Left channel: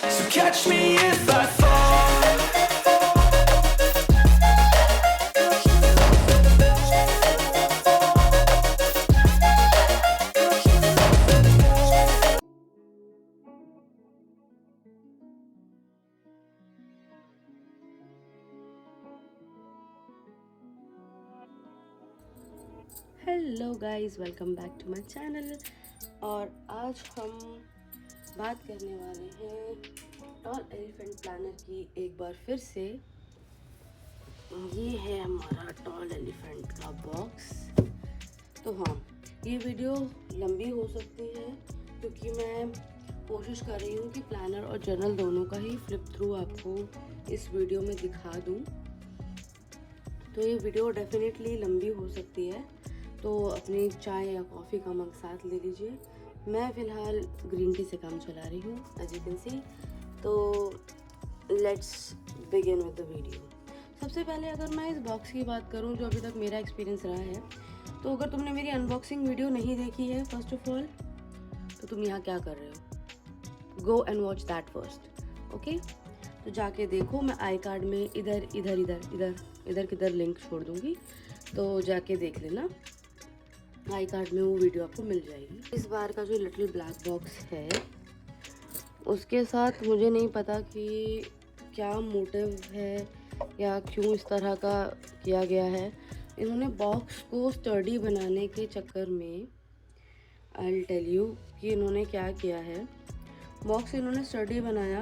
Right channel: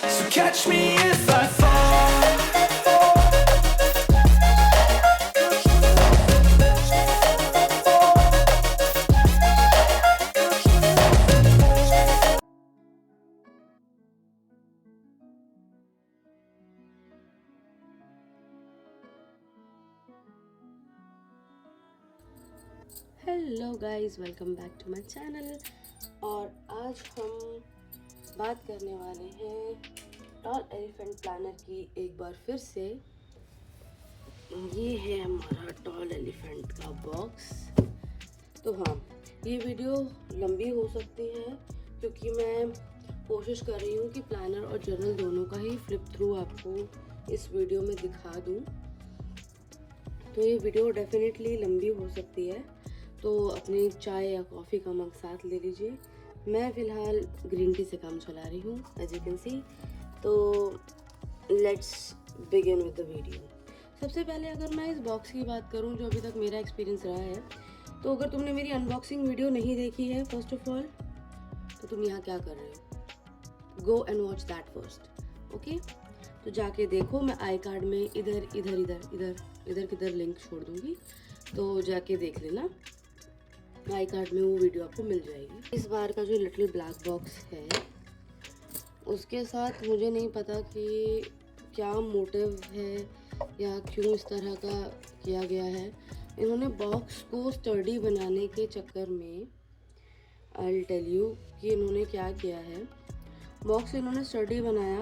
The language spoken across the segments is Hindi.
So catch me if I fall. Hello guys, welcome back to my channel. और आज हम बात करने वाले हैं टॉल एलिफेंट प्लानर की एक बार फिर से। ये है हमारा टॉल एलिफेंट का बॉक्स। तो हाँ, ये वीडियो लंबी हो सकती है क्योंकि मैं कोशिश कर रही हूँ कि प्लानर और जर्नल दोनों का ही फ्लिप थ्रू आपको इस वीडियो में दिखा दूँ। तो ये वीडियो डेफिनेटली लंबी हो सकती है, तो अपनी चाय या कॉफ़ी का मग साथ ले लीजिए। मैं फ़िलहाल ग्रीन टी से काम चला रही हूँ, एज यू कैन सी। तो let's begin with the video. सबसे पहले अगर मैं इस बॉक्स की बात करूँ जो अभी तक मेरा एक्सपीरियंस रहा है, तो अगर तुमने मेरी अनबॉक्सिंग वीडियो नहीं देखी है फर्स्ट ऑफ ऑल, तो तुम यहाँ क्या कर रहे हो? Go and watch that first, okay? तो जाके देखो। मैं आई कार्ड में इधर इधर इधर इधर इधर किधर लिंक छोड़ दूँगी, तो जाके देख लेना। आई कार्ड में वो वीडियो आपको मिल जाएगी। इस बार का जो लिटिल ब्लैक बॉक्स है, उसके साथ मुझे नहीं पता कि क्या मोटिव है या क्यों इस तरह का किया गया है। इन्होंने बॉक्स को स्टडी बनाने के चक्कर में, आई विल टेल यू कि इन्होंने क्या किया है। बॉक्स इन्होंने स्टडी बनाया,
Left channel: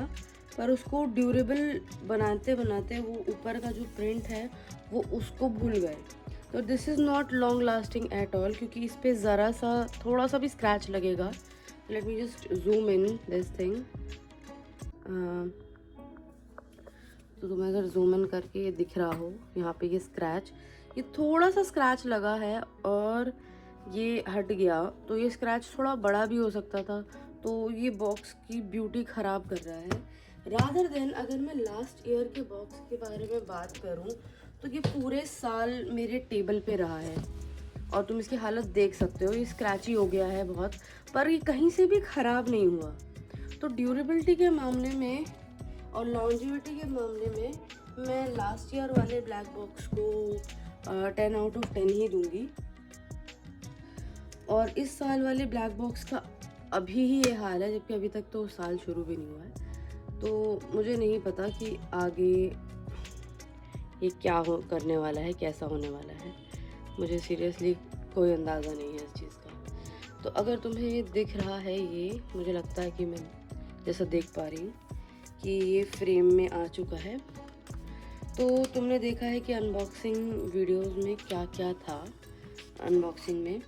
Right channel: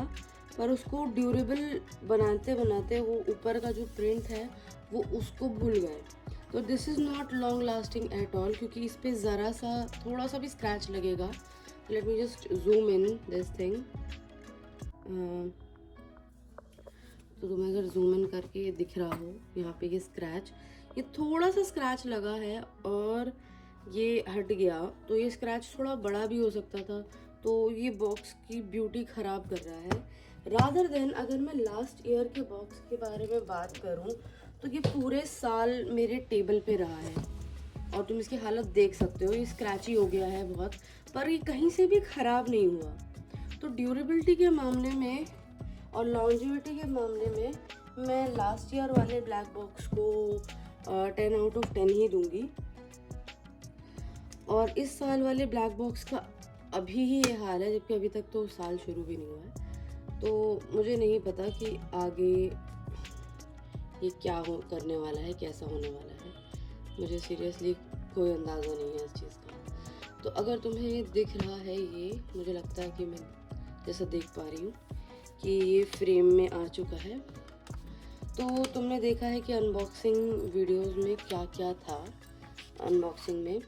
पर उसको ड्यूरेबल बनाते बनाते वो ऊपर का जो प्रिंट है वो उसको भूल गए। तो this is not long lasting at all, क्योंकि इस पर ज़रा सा थोड़ा सा भी स्क्रैच लगेगा। Let me just zoom in this thing. तो तुम्हें अगर जूम इन करके ये दिख रहा हो, यहाँ पे ये स्क्रैच, ये थोड़ा सा स्क्रैच लगा है और ये हट गया। तो ये स्क्रैच थोड़ा बड़ा भी हो सकता था, तो ये बॉक्स की ब्यूटी ख़राब कर रहा है। रादर देन अगर मैं लास्ट ईयर के बॉक्स के बारे में बात करूं, तो ये पूरे साल मेरे टेबल पे रहा है और तुम इसकी हालत देख सकते हो। ये स्क्रैची हो गया है बहुत, पर ये कहीं से भी ख़राब नहीं हुआ। तो ड्यूरेबिलिटी के मामले में और लॉन्जिविटी के मामले में मैं लास्ट ईयर वाले ब्लैक बॉक्स को 10 आउट ऑफ 10 ही दूंगी। और इस साल वाले ब्लैक बॉक्स का अभी ही ये हाल है, जबकि अभी तक तो साल शुरू भी नहीं हुआ है। तो मुझे नहीं पता कि आगे ये क्या करने वाला है, कैसा होने वाला है। मुझे सीरियसली कोई अंदाज़ा नहीं है इस चीज़ का। तो अगर तुम्हें ये दिख रहा है, ये मुझे लगता है कि मैं जैसा देख पा रही हूँ कि ये फ्रेम में आ चुका है। तो तुमने देखा है कि अनबॉक्सिंग वीडियोस में क्या क्या था अनबॉक्सिंग में।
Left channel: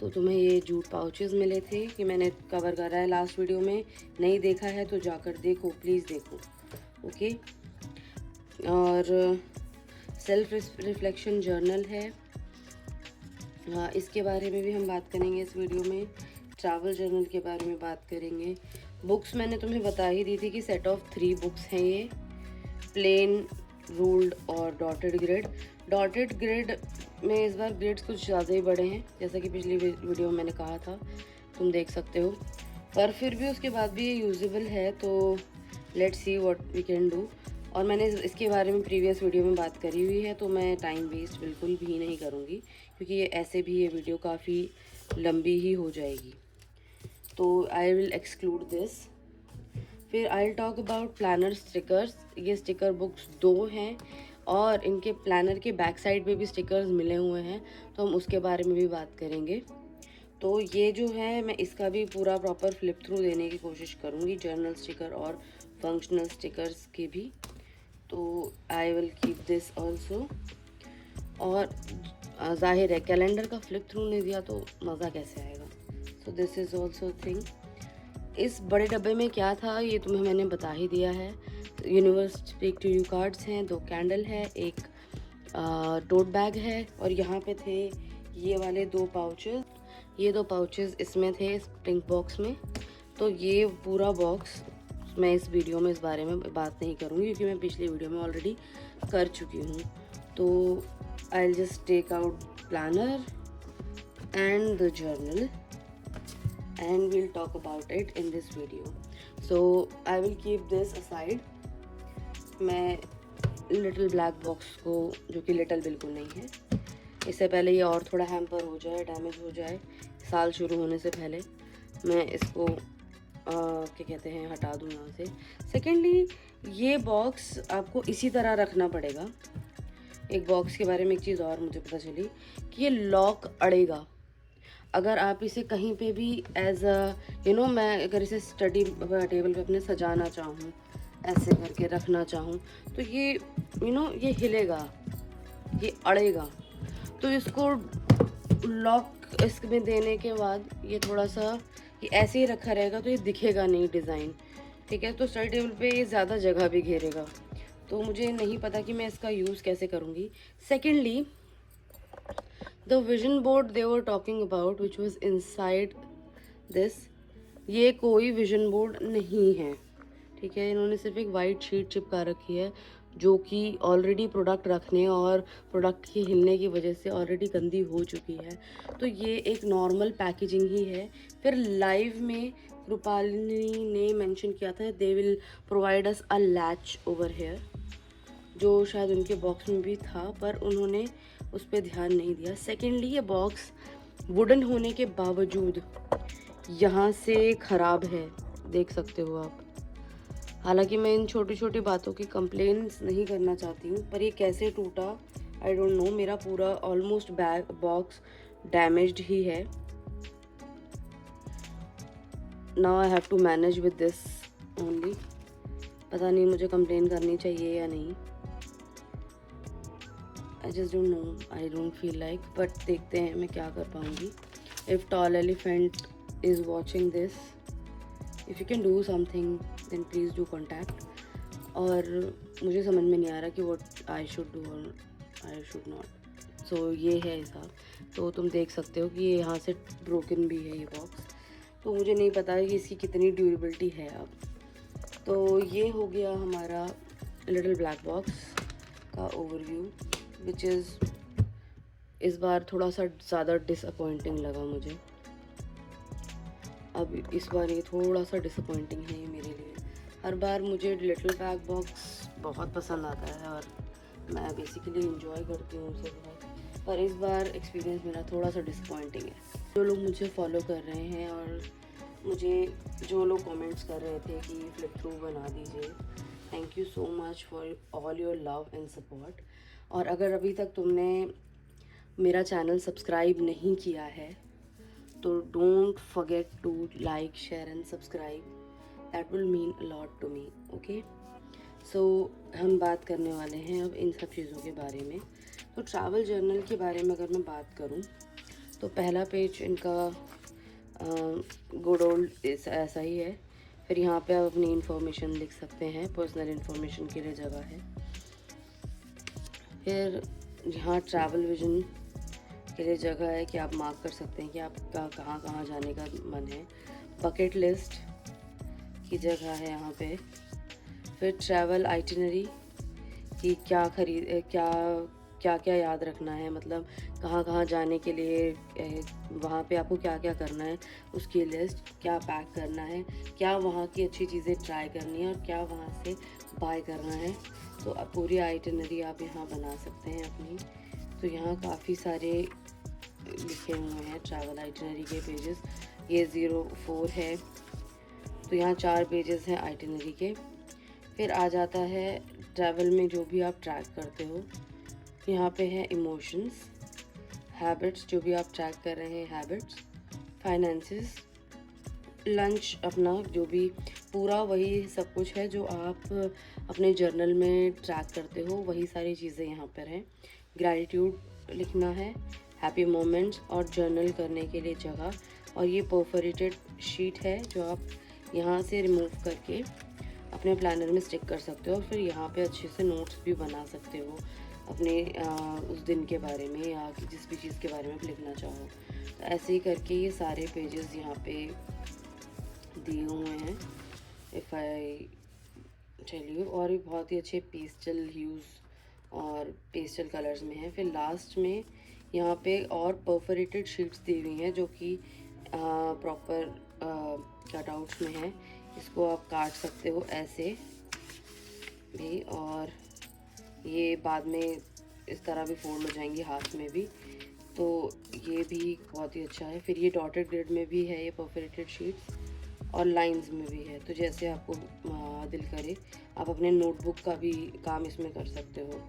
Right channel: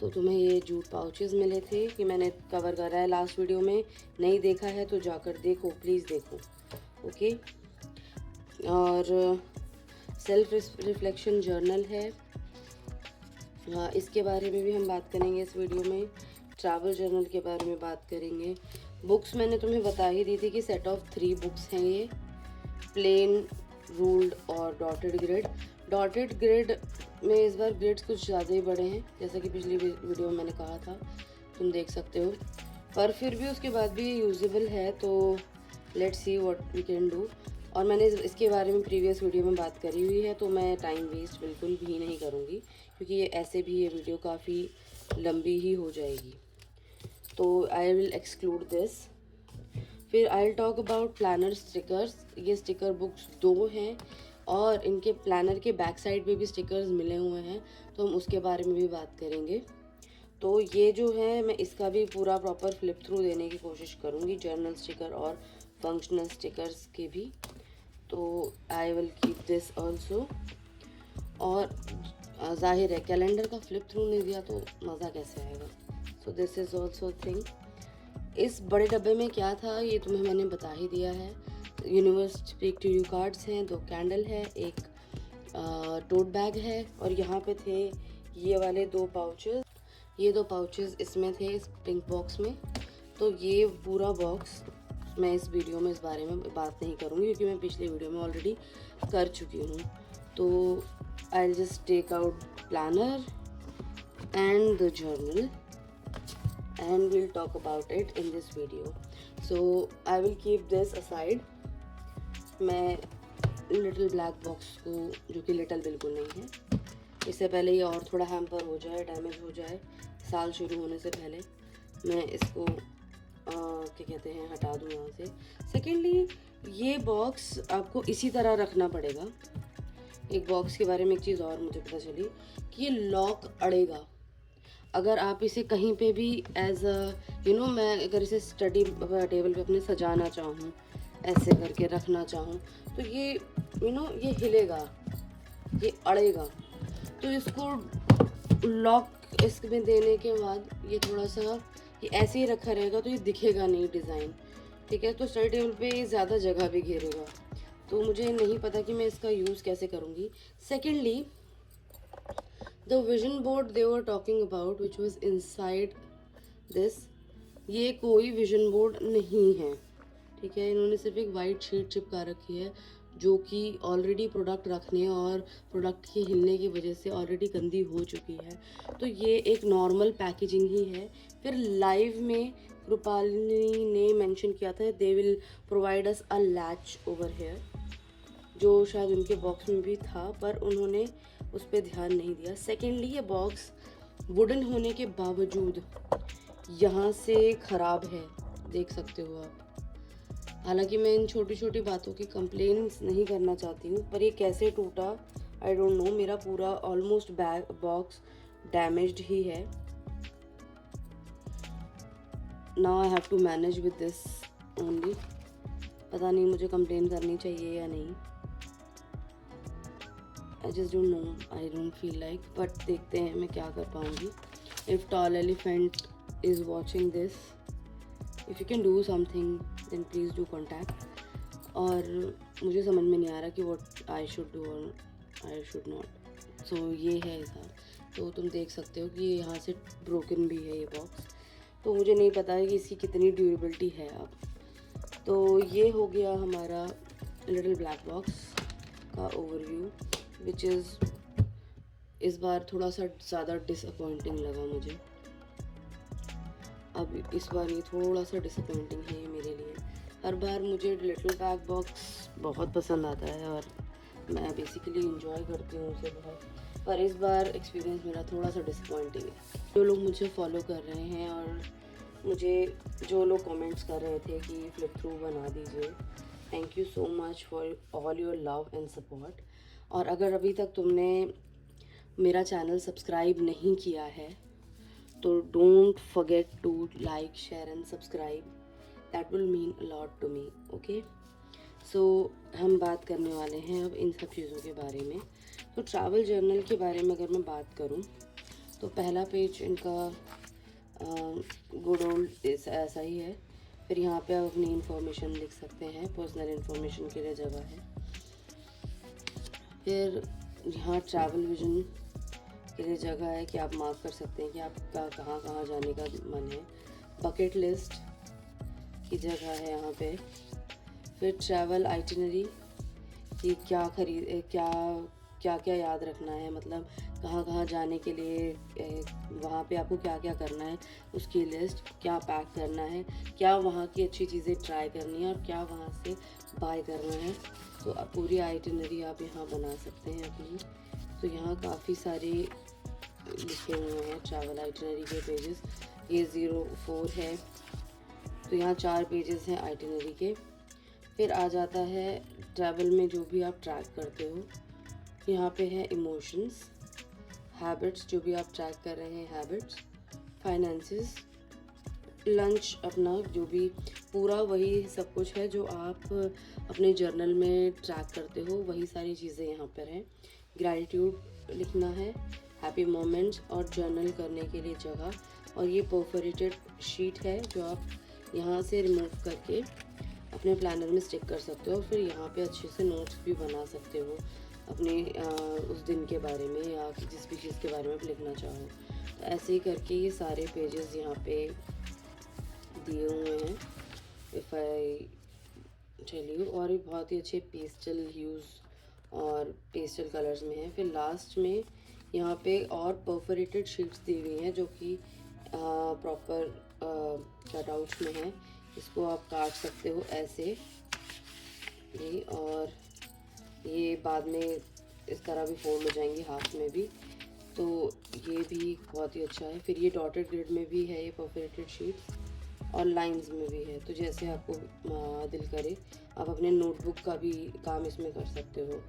तो तुम्हें ये जूट पाउचेस मिले थे कि मैंने कवर करा है लास्ट वीडियो में। नहीं देखा है तो जाकर देखो, प्लीज़ देखो, ओके? और सेल्फ रिफ्लेक्शन जर्नल है, इसके बारे में भी हम बात करेंगे इस वीडियो में। ट्रैवल जर्नल के बारे में बात करेंगे। बुक्स मैंने तुम्हें बता ही दी थी कि सेट ऑफ 3 बुक्स हैं ये, प्लेन, रूल्ड और डॉटेड ग्रिड। डॉटेड ग्रिड में इस बार ग्रिड्स कुछ ज़्यादा ही बड़े हैं, जैसा कि पिछली वीडियो में मैंने कहा था, तुम देख सकते हो। पर फिर भी उसके बाद भी ये यूजेबल है, तो let's see what we can do. और मैंने इसके बारे में प्रीवियस वीडियो में बात करी हुई है, तो मैं टाइम वेस्ट बिल्कुल भी नहीं करूँगी, क्योंकि ये ऐसे भी ये वीडियो काफ़ी लंबी ही हो जाएगी। तो आई विल एक्सक्लूड दिस। फिर I will talk about planner stickers. ये स्टिकर बुक्स 2 हैं और इनके प्लानर के बैक साइड पे भी स्टिकर्स मिले हुए हैं, तो हम उसके बारे में भी बात करेंगे। तो ये जो है, मैं इसका भी पूरा प्रॉपर फ्लिप थ्रू देने की कोशिश करूँगी, जर्नल स्टिकर और फंक्शनल स्टिकर्स के भी। तो I will keep this also. और जाहिर है कैलेंडर का फ्लिप थ्रू नहीं दिया तो मज़ा कैसे आएगा। So this is also thing. इस बड़े डब्बे में क्या था ये तुम्हें मैंने बता ही दिया है। Universe speak to you cards हैं, 2 कैंडल है, एक टोट बैग है, और यहाँ पे थे ये वाले 2 पाउचेस। ये 2 पाउचेस इसमें थे, इस पिंक बॉक्स में। तो ये पूरा बॉक्स मैं इस वीडियो में इस बारे में बात नहीं करूँगी, क्योंकि मैं पिछली वीडियो में ऑलरेडी कर चुकी हूँ। तो I will just take out planner and the journal and we'll talk about it in this video. So I will keep this aside. मैं लिटिल ब्लैक बॉक्स को, जो कि लिटिल बिल्कुल नहीं है, इससे पहले ये और थोड़ा हैम्पर हो जाए, डैमेज हो जाए साल शुरू होने से पहले, मैं इसको क्या कहते हैं हटा दूँ यहाँ से। सेकेंडली, ये बॉक्स आपको इसी तरह रखना पड़ेगा। एक बॉक्स के बारे में एक चीज़ और मुझे पता चली कि ये लॉक अड़ेगा। अगर आप इसे कहीं पे भी एज अ मैं अगर इसे स्टडी टेबल पे अपने सजाना चाहूँ, ऐसे करके रखना चाहूँ, तो ये ये हिलेगा, ये अड़ेगा। तो इसको लॉक इसमें देने के बाद ये थोड़ा सा ये ऐसे ही रखा रहेगा, तो ये दिखेगा नहीं डिज़ाइन, ठीक है। तो स्टडी टेबल पे ये ज़्यादा जगह भी घेरेगा, तो मुझे नहीं पता कि मैं इसका यूज़ कैसे करूँगी। Secondly, the vision board they were talking about which was inside this, ये कोई विजन बोर्ड नहीं है, ठीक है। इन्होंने सिर्फ एक वाइट शीट चिपका रखी है, जो कि ऑलरेडी प्रोडक्ट रखने और प्रोडक्ट के हिलने की वजह से ऑलरेडी गंदी हो चुकी है। तो ये एक नॉर्मल पैकेजिंग ही है। फिर लाइव में कृपालिनी ने मेंशन किया था they will provide us a latch over here, जो शायद उनके बॉक्स में भी था, पर उन्होंने उस पर ध्यान नहीं दिया। सेकेंडली, ये बॉक्स वुडन होने के बावजूद यहाँ से ख़राब है, देख सकते हो आप। हालांकि मैं इन छोटी छोटी बातों की कंप्लेंट्स नहीं करना चाहती हूँ, पर ये कैसे टूटा आई डोंट नो। मेरा पूरा ऑलमोस्ट बैग बॉक्स डैमेज्ड ही है। Now I have to manage with this only. पता नहीं मुझे कंप्लेन करनी चाहिए या नहीं, I just don't know, I don't feel like, but देखते हैं मैं क्या कर पाऊँगी। If Tall Elephant is watching this, if you can do something then please do contact. और मुझे समझ में नहीं आ रहा कि व्हाट आई शुड डू और आई शुड नॉट। सो ये है हिसाब। तो तुम देख सकते हो कि ये यहाँ से ब्रोकन भी है ये बॉक्स, तो मुझे नहीं पता है कि इसकी कितनी ड्यूरेबिलिटी है अब। तो ये हो गया हमारा लिटिल ब्लैक बॉक्स का ओवरव्यू, विच इज़ इस बार थोड़ा सा ज़्यादा डिसअपॉइंटिंग लगा मुझे। अब इस बार ये थोड़ा सा डिसअपॉइंटिंग है ये मेरे लिए। हर बार मुझे लिटिल ब्लैक बॉक्स बहुत पसंद आता है और मैं बेसिकली इंजॉय करती हूँ उसे बहुत, पर इस बार एक्सपीरियंस मेरा थोड़ा सा डिसअपॉइंटिंग है। जो लोग मुझे फॉलो कर रहे हैं और मुझे जो लोग कमेंट्स कर रहे थे कि फ्लिप थ्रू बना दीजिए, thank you so much for all your love and support. और अगर अभी तक तुमने मेरा चैनल सब्सक्राइब नहीं किया है तो don't forget to like, share and subscribe, that will mean a lot to me, okay. So हम बात करने वाले हैं अब इन सब चीज़ों के बारे में। तो ट्रैवल जर्नल के बारे में अगर मैं बात करूं तो पहला पेज इनका गुड ओल्ड ऐसा ही है। फिर यहाँ पे आप अपनी इन्फॉर्मेशन लिख सकते हैं, पर्सनल इन्फॉर्मेशन के लिए जगह है। फिर यहाँ ट्रैवल विजन के लिए जगह है कि आप मार्क कर सकते हैं कि आपका कहाँ कहाँ जाने का मन है। बकेट लिस्ट की जगह है यहाँ पे। फिर ट्रैवल आइटिनरी कि क्या क्या याद रखना है, मतलब कहाँ कहाँ जाने के लिए वहाँ पे आपको क्या क्या करना है, उसकी लिस्ट, क्या पैक करना है, क्या वहाँ की अच्छी चीज़ें ट्राई करनी है और क्या वहाँ से बाय करना है। तो आप पूरी आइटिनरी आप यहाँ बना सकते हैं अपनी। तो यहाँ काफ़ी सारे लिखे हुए हैं ट्रैवल आइटिनरी के पेजेस। ये 04 है, तो यहाँ 4 पेजेस हैं आइटिनरी के। फिर आ जाता है ट्रैवल में जो भी आप ट्रैक करते हो, यहाँ पे है इमोशंस, हैबिट्स, जो भी आप ट्रैक कर रहे हैं हैबिट्स, फाइनेंसेस, लंच, अपना जो भी पूरा वही सब कुछ है जो आप अपने जर्नल में ट्रैक करते हो, वही सारी चीज़ें यहाँ पर हैं। ग्रैटिट्यूड लिखना है, हैप्पी मोमेंट्स और जर्नल करने के लिए जगह। और ये परफोरेटेड शीट है जो आप यहाँ से रिमूव करके अपने प्लानर में स्टिक कर सकते हो। फिर यहाँ पे अच्छे से नोट्स भी बना सकते हो अपने उस दिन के बारे में या जिस भी चीज़ के बारे में लिखना चाहो। तो ऐसे ही करके ये सारे पेजेस यहाँ पे दिए हुए हैं, इफ़ आई टेल यू। और ये बहुत ही अच्छे पेस्टल ह्यूज़ और पेस्टल कलर्स में है। फिर लास्ट में यहाँ पे और परफोरेटेड शीट्स दी हुई हैं जो कि प्रॉपर कटआउट्स में है। इसको आप काट सकते हो ऐसे भी, और ये बाद में इस तरह भी फोल्ड हो जाएंगी हाथ में भी, तो ये भी बहुत ही अच्छा है। फिर ये डॉटेड ग्रिड में भी है, ये परफोरेटेड शीट्स, और लाइंस में भी है, तो जैसे आपको दिल करे आप अपने नोटबुक का भी काम इसमें कर सकते हो।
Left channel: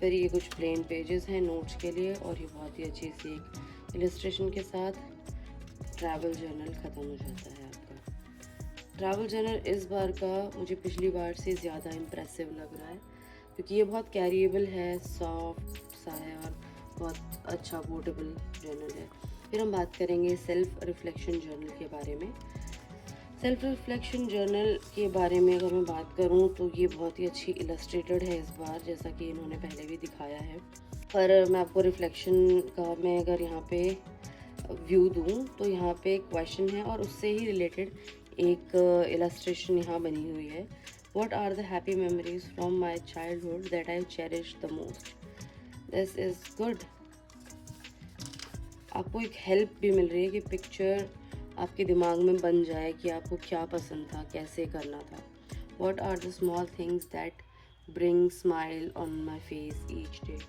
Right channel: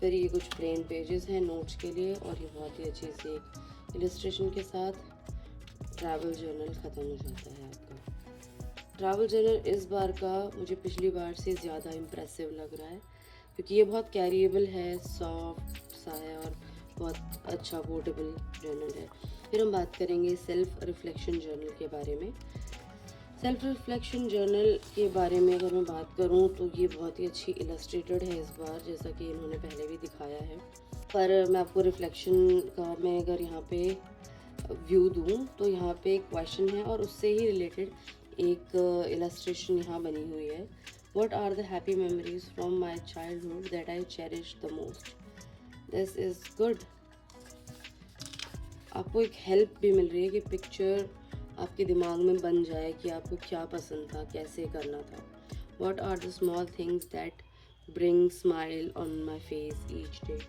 फिर ये कुछ प्लेन पेजेस हैं नोट्स के लिए, और ये बहुत ही अच्छी सी एक इलस्ट्रेशन के साथ ट्रैवल जर्नल ख़त्म हो जाता है आपका। ट्रैवल जर्नल इस बार का मुझे पिछली बार से ज़्यादा इम्प्रेसिव लग रहा है, क्योंकि ये बहुत कैरिएबल है, सॉफ्ट सा है और बहुत अच्छा पोर्टेबल जर्नल है। फिर हम बात करेंगे सेल्फ रिफ्लेक्शन जर्नल के बारे में। सेल्फ रिफ्लेक्शन जर्नल के बारे में अगर मैं बात करूं तो ये बहुत ही अच्छी इलस्ट्रेटेड है इस बार, जैसा कि इन्होंने पहले भी दिखाया है। पर मैं आपको रिफ्लेक्शन का मैं अगर यहाँ पे व्यू दूं तो यहाँ पे एक क्वेश्चन है और उससे ही रिलेटेड एक इलस्ट्रेशन यहाँ बनी हुई है। What are the happy memories from my childhood that I cherish the most. This is good. आपको एक हेल्प भी मिल रही है कि पिक्चर आपके दिमाग में बन जाए कि आपको क्या पसंद था, कैसे करना था। What are the small things that bring smile on my face each day?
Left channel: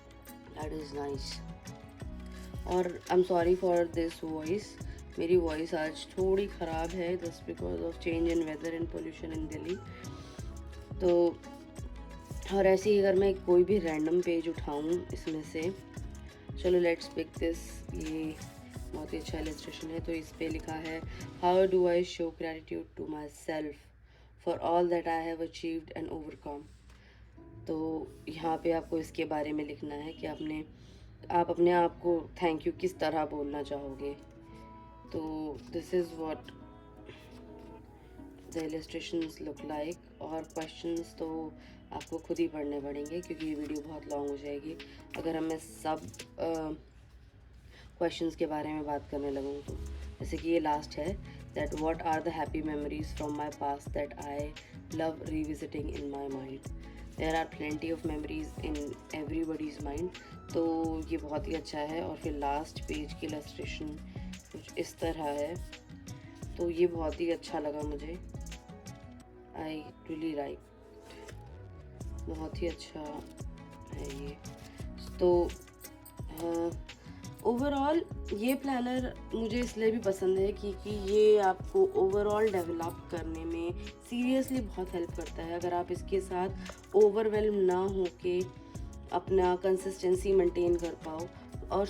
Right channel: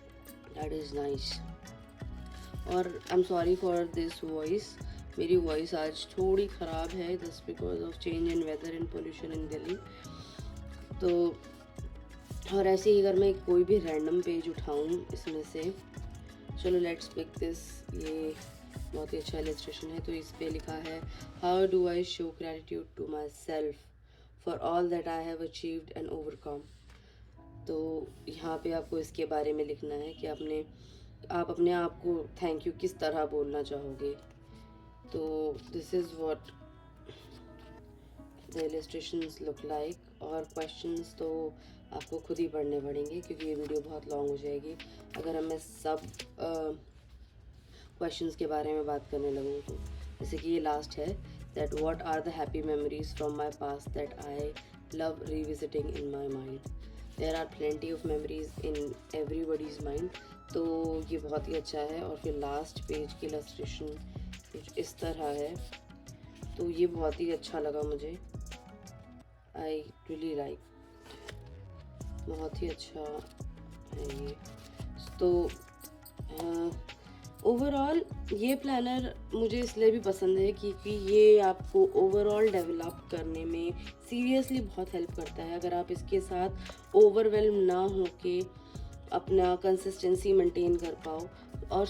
That is nice. और I'm sorry for this voice. मेरी वॉइस आज थोड़ी ख़राब है just because of change in weather and pollution in Delhi. तो और ऐसे ही अगर मैं कोई भी रैंडम पेज उठाऊँ इसमें से, चलो लेट्स पिक दिस, ये बहुत ही अच्छा इलस्ट्रेशन है। तो इस पे लिखा है, how do I show gratitude to myself for all that I have achieved and overcome. तो यहाँ पे आपको इसके बारे में लिखना है कि आप अपने आप को थैंक यू किस तरह बोलना चाहोगे। तो this is what the illustrations look like. और क्वेश्चंस तो आपको खुद ही पढ़ने पड़ेंगे क्योंकि ये वीडियो बहुत लॉन्ग हो जाएगी अगर मैं सब क्वेश्चंस के बारे में बात करने लगूँ तो। जैसे कि ये लास्ट है, that what are the happy memories from my past that I love revisiting in my mind. There are plenty of memories in everybody's mind. तो ये बहुत ही अच्छा है। और फिर लास्ट पेज की इलस्ट्रेशन कुछ इस तरह है, तो ये बहुत ही अच्छा लगा मुझे। आई रियली लाइक, बहुत ही अच्छा है ये। तो ओवरऑल ये प्लानर मुझे इसलिए भी पसंद है क्योंकि ये आपको ओवरऑल डेवलप करने में सीरियसली बहुत हेल्प करता है। अगर आप इसके साथ ओवरवेल्म ना हो के अपना कंसिस्टेंसी मेंटेन कर पाओ। और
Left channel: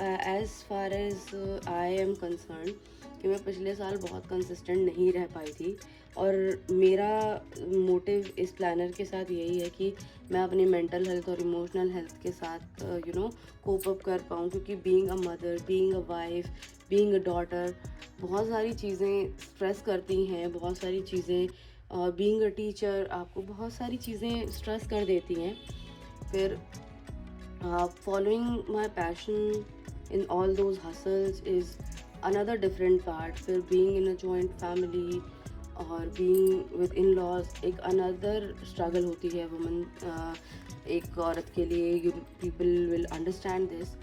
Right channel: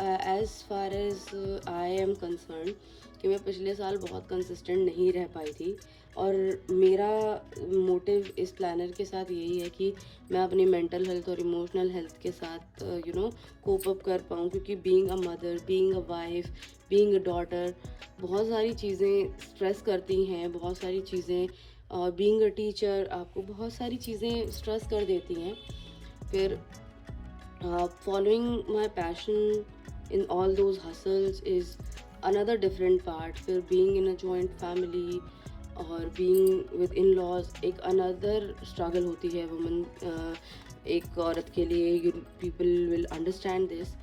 as far as I am concern कि मैं पिछले साल बहुत कंसिस्टेंट नहीं रह पाई थी, और मेरा मोटिव इस प्लानर के साथ यही है कि मैं अपनी मेंटल हेल्थ और इमोशनल हेल्थ के साथ कोप अप कर पाऊँ, क्योंकि being a mother, being a wife, being a daughter बहुत सारी चीज़ें स्ट्रेस करती हैं, बहुत सारी चीज़ें बीइंग अ टीचर आपको बहुत सारी चीज़ें स्ट्रेस कर देती हैं। फिर following my passion in all those hustles is another different part. फिर being in a joint family और being with in-laws एक another struggle होती है woman एक औरत के लिए। people will understand this.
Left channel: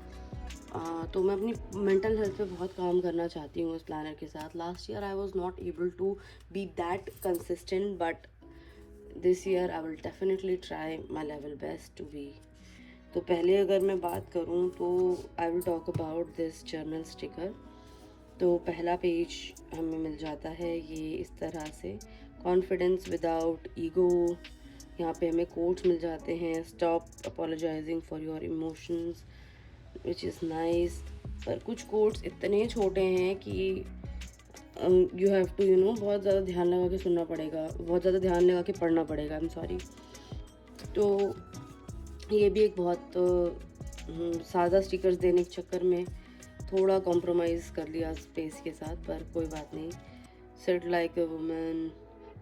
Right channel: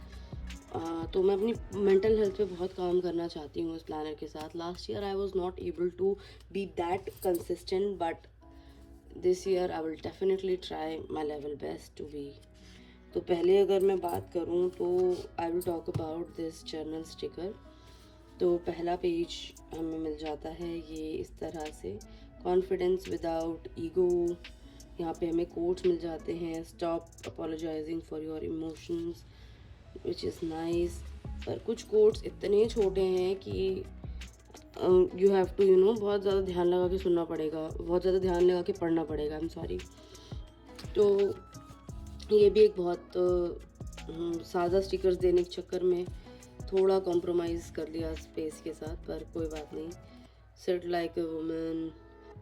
तो मैं अपनी मेंटल हेल्थ पे बहुत काम करना चाहती हूँ इस प्लानर के साथ। Last year I was not able to be that consistent, but this year I will definitely try my level best to be. तो पहले अगर मैं बात करूं तो I will talk about this journal sticker. तो पहला पेज हमें मिल जाता है ये इस तरह से, कॉन्फिडेंस विदाउट ईगो। यहाँ पे हमें कोट्स मिल जाते हैं, stop apologising for your emotions which is nice. पर कुछ कोट्स इतने छोटे हैं कि यू हैव टू बहुत ज़्यादा ध्यान लगा के सुनना पड़ेगा, बहुत ज़्यादा ध्यान लगा के पढ़ना पड़ेगा। I am sorry. तो ये भी एक बहुत सादा स्टिकर्स देने के चक्कर में थोड़ा कॉम्प्रोमाइज़ कर लिया स्पेस के साथ, पर कोई बात नहीं। Sit like a woman,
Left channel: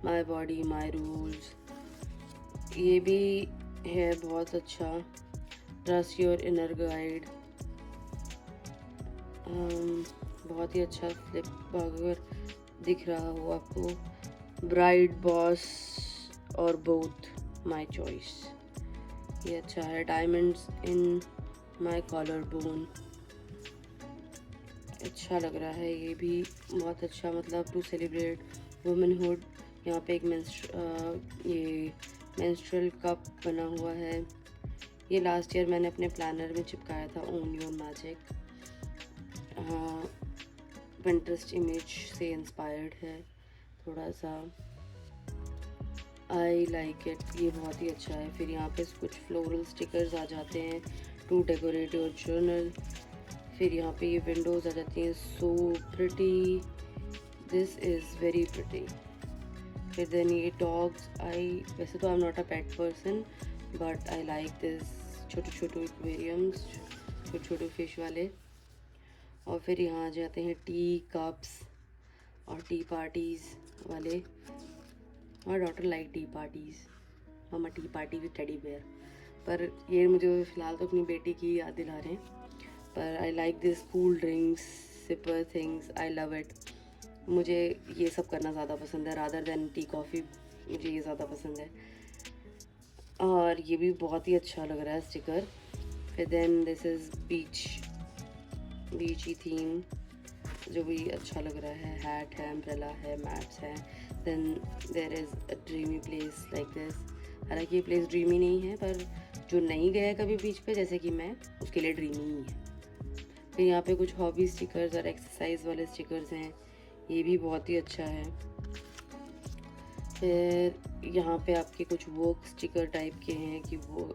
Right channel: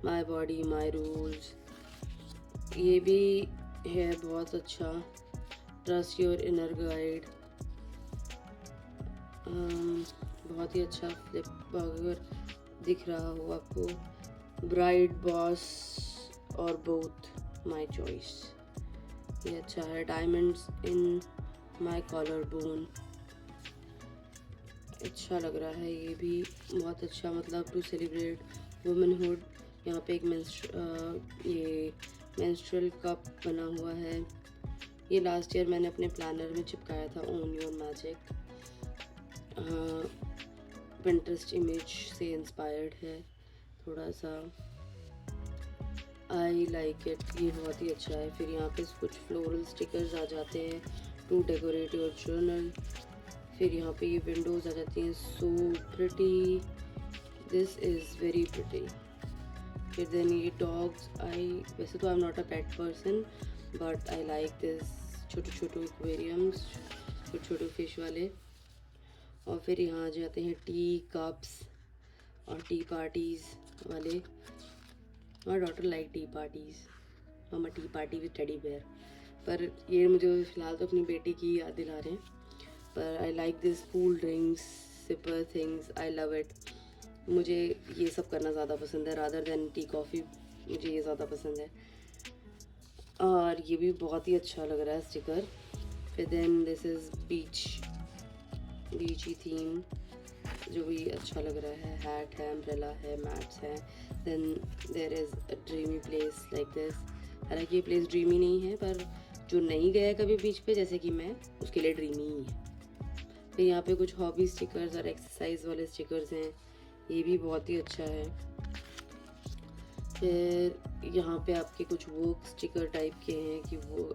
my body my rules, ये भी है बहुत अच्छा। ट्रस्ट योर इनर गाइड, बहुत ही अच्छा फ्लिप अगर दिख रहा हो आपको। ब्राइड बॉस और बोथ माई चॉइस, ये अच्छा है। Diamonds in my collar bone, अच्छा लग रहा है ये भी बहुत अच्छा। मतलब टू सेलिब्रेट वुमेनहुड यहाँ पे एक ये मेंस्ट्रुअल कप बना हुआ है। ये लास्ट ईयर मैंने अपने प्लानर में चिपकाया था, own your magic. Pinterest image से इंस्पायर्ड है थोड़ा सा। आई लाइक इट, ये बहुत ही अच्छा है। फिर यहाँ पे कुछ फ्लोरल स्टिकर्स आ जाते हैं टू डेकोरेट योर जर्नल। फिर यहाँ पे ये विंडोज़ आ जाती हैं, so pretty, this is very pretty. फिर देन ये डॉग्स, वैसे तो I am not a pet person but I like this, छोटे छोटे एक्वेरियम्स, छोटे छोटे फिश वाले। और फिर यहाँ आ जाते हैं टी कप्स और टी पार्टीज़ वाले। My daughter like tea parties, हम tea party with teddy bear. पर ये मुझे फ़िलहाल तो अपनी बेटी की याद दिला रहे हैं। पर I like this cool drinks, sipper things, I love it. मुझे ये सब करना ज़्यादा पसंद है रादर देन टी कॉफ़ी, मुझे ये ज़्यादा पसंद है। और ये भी बहुत ही अच्छा लग रहा है स्टिकर। फिर देन दिस इज़ बीची थीम, जो भी अच्छा लग रहा है। हैट है, अम्ब्रेला है, मैट्स हैं। Then there is a dreamy place like this. हालांकि ये प्लेस ड्रीमी नहीं है, पर जो नहीं गया है कभी बीच पे जैसे कि मैं, उसके लिए ड्रीमी ही है। फिर यहाँ पे कुछ हॉबी स्टिकर्स और एक्सरसाइज वाले स्टिकर्स हैं, ये भी बहुत ही अच्छा है। फिर यहाँ पे आपके कुछ वर्क स्टिकर टाइप के हैं कि वो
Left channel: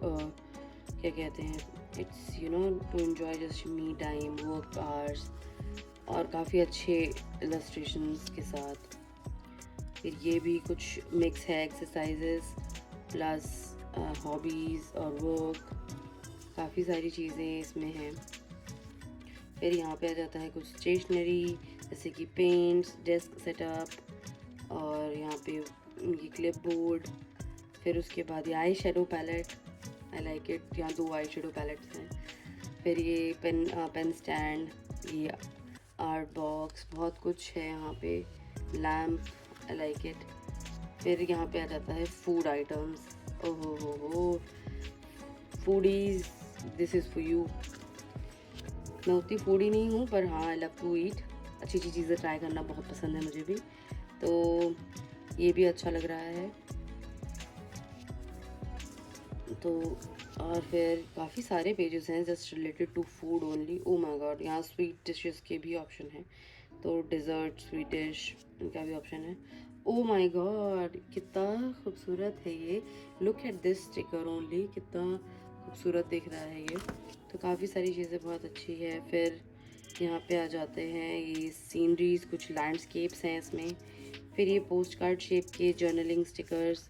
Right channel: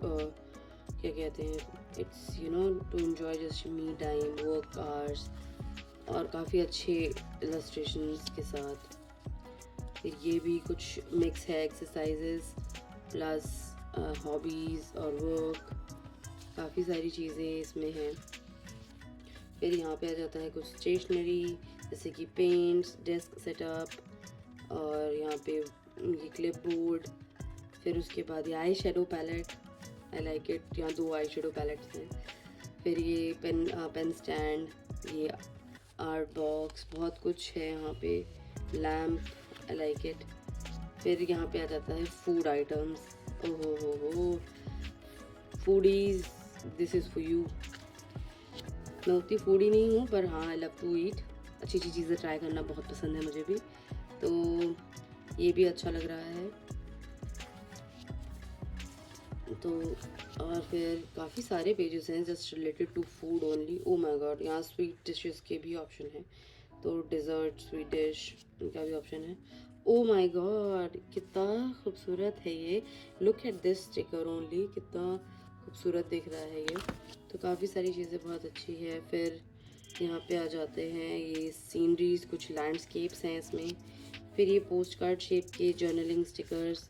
क्या कहते हैं, it's you know to enjoy just me time, work hours, और काफ़ी अच्छे इलस्ट्रेशंस के साथ। फिर ये भी कुछ मिक्स है, एक्सरसाइजेस प्लस हॉबीज़ और वर्क, काफ़ी सारी चीज़ें इसमें हैं। फिर यहाँ पे आ जाता है कुछ स्टेशनरी जैसे कि पेंट्स, डेस्क सेटअप, और यहाँ पे ये क्लिप बोर्ड। फिर उसके बाद ये eye shadow palette, I like it, यहाँ 2 आई शेडो पैलेट्स हैं। फिर ये पेन स्टैंड, ये आर्ट बॉक्स, बहुत कुछ है यहाँ पे, लैम्प, आई लाइक इट। फिर यहाँ पे आ जाता है फूड आइटम्स, ओहो हो, foodies, this is for you. मैं उतनी फूडी नहीं हूँ, पर हाँ आई लव टू ईट, अच्छी अच्छी चीज़ें ट्राई करना बहुत पसंद है मुझे भी। तो ये भी अच्छा लग रहा है। तो और फिर काफ़ी सारे पेजेस हैं just related to food only. Oh my God, यहाँ स्वीट डिशेस के भी ऑप्शन है, तो डिज़र्ट, स्वीट डिश, इनका भी ऑप्शन है। ओ माय गॉड, कितना खूबसूरत है ये, look at this sticker only, कितना खूबसूरत दिख रहा है ये। तो काफ़ी सारी चीज़ें बहुत अच्छी है। फिर यहाँ पे आ जाते हैं ये सीनरीज, कुछ लैंडस्केप्स हैं इसमें। फिर ये पोस्ट कार्ड शेप के जर्नलिंग स्टिकर्स,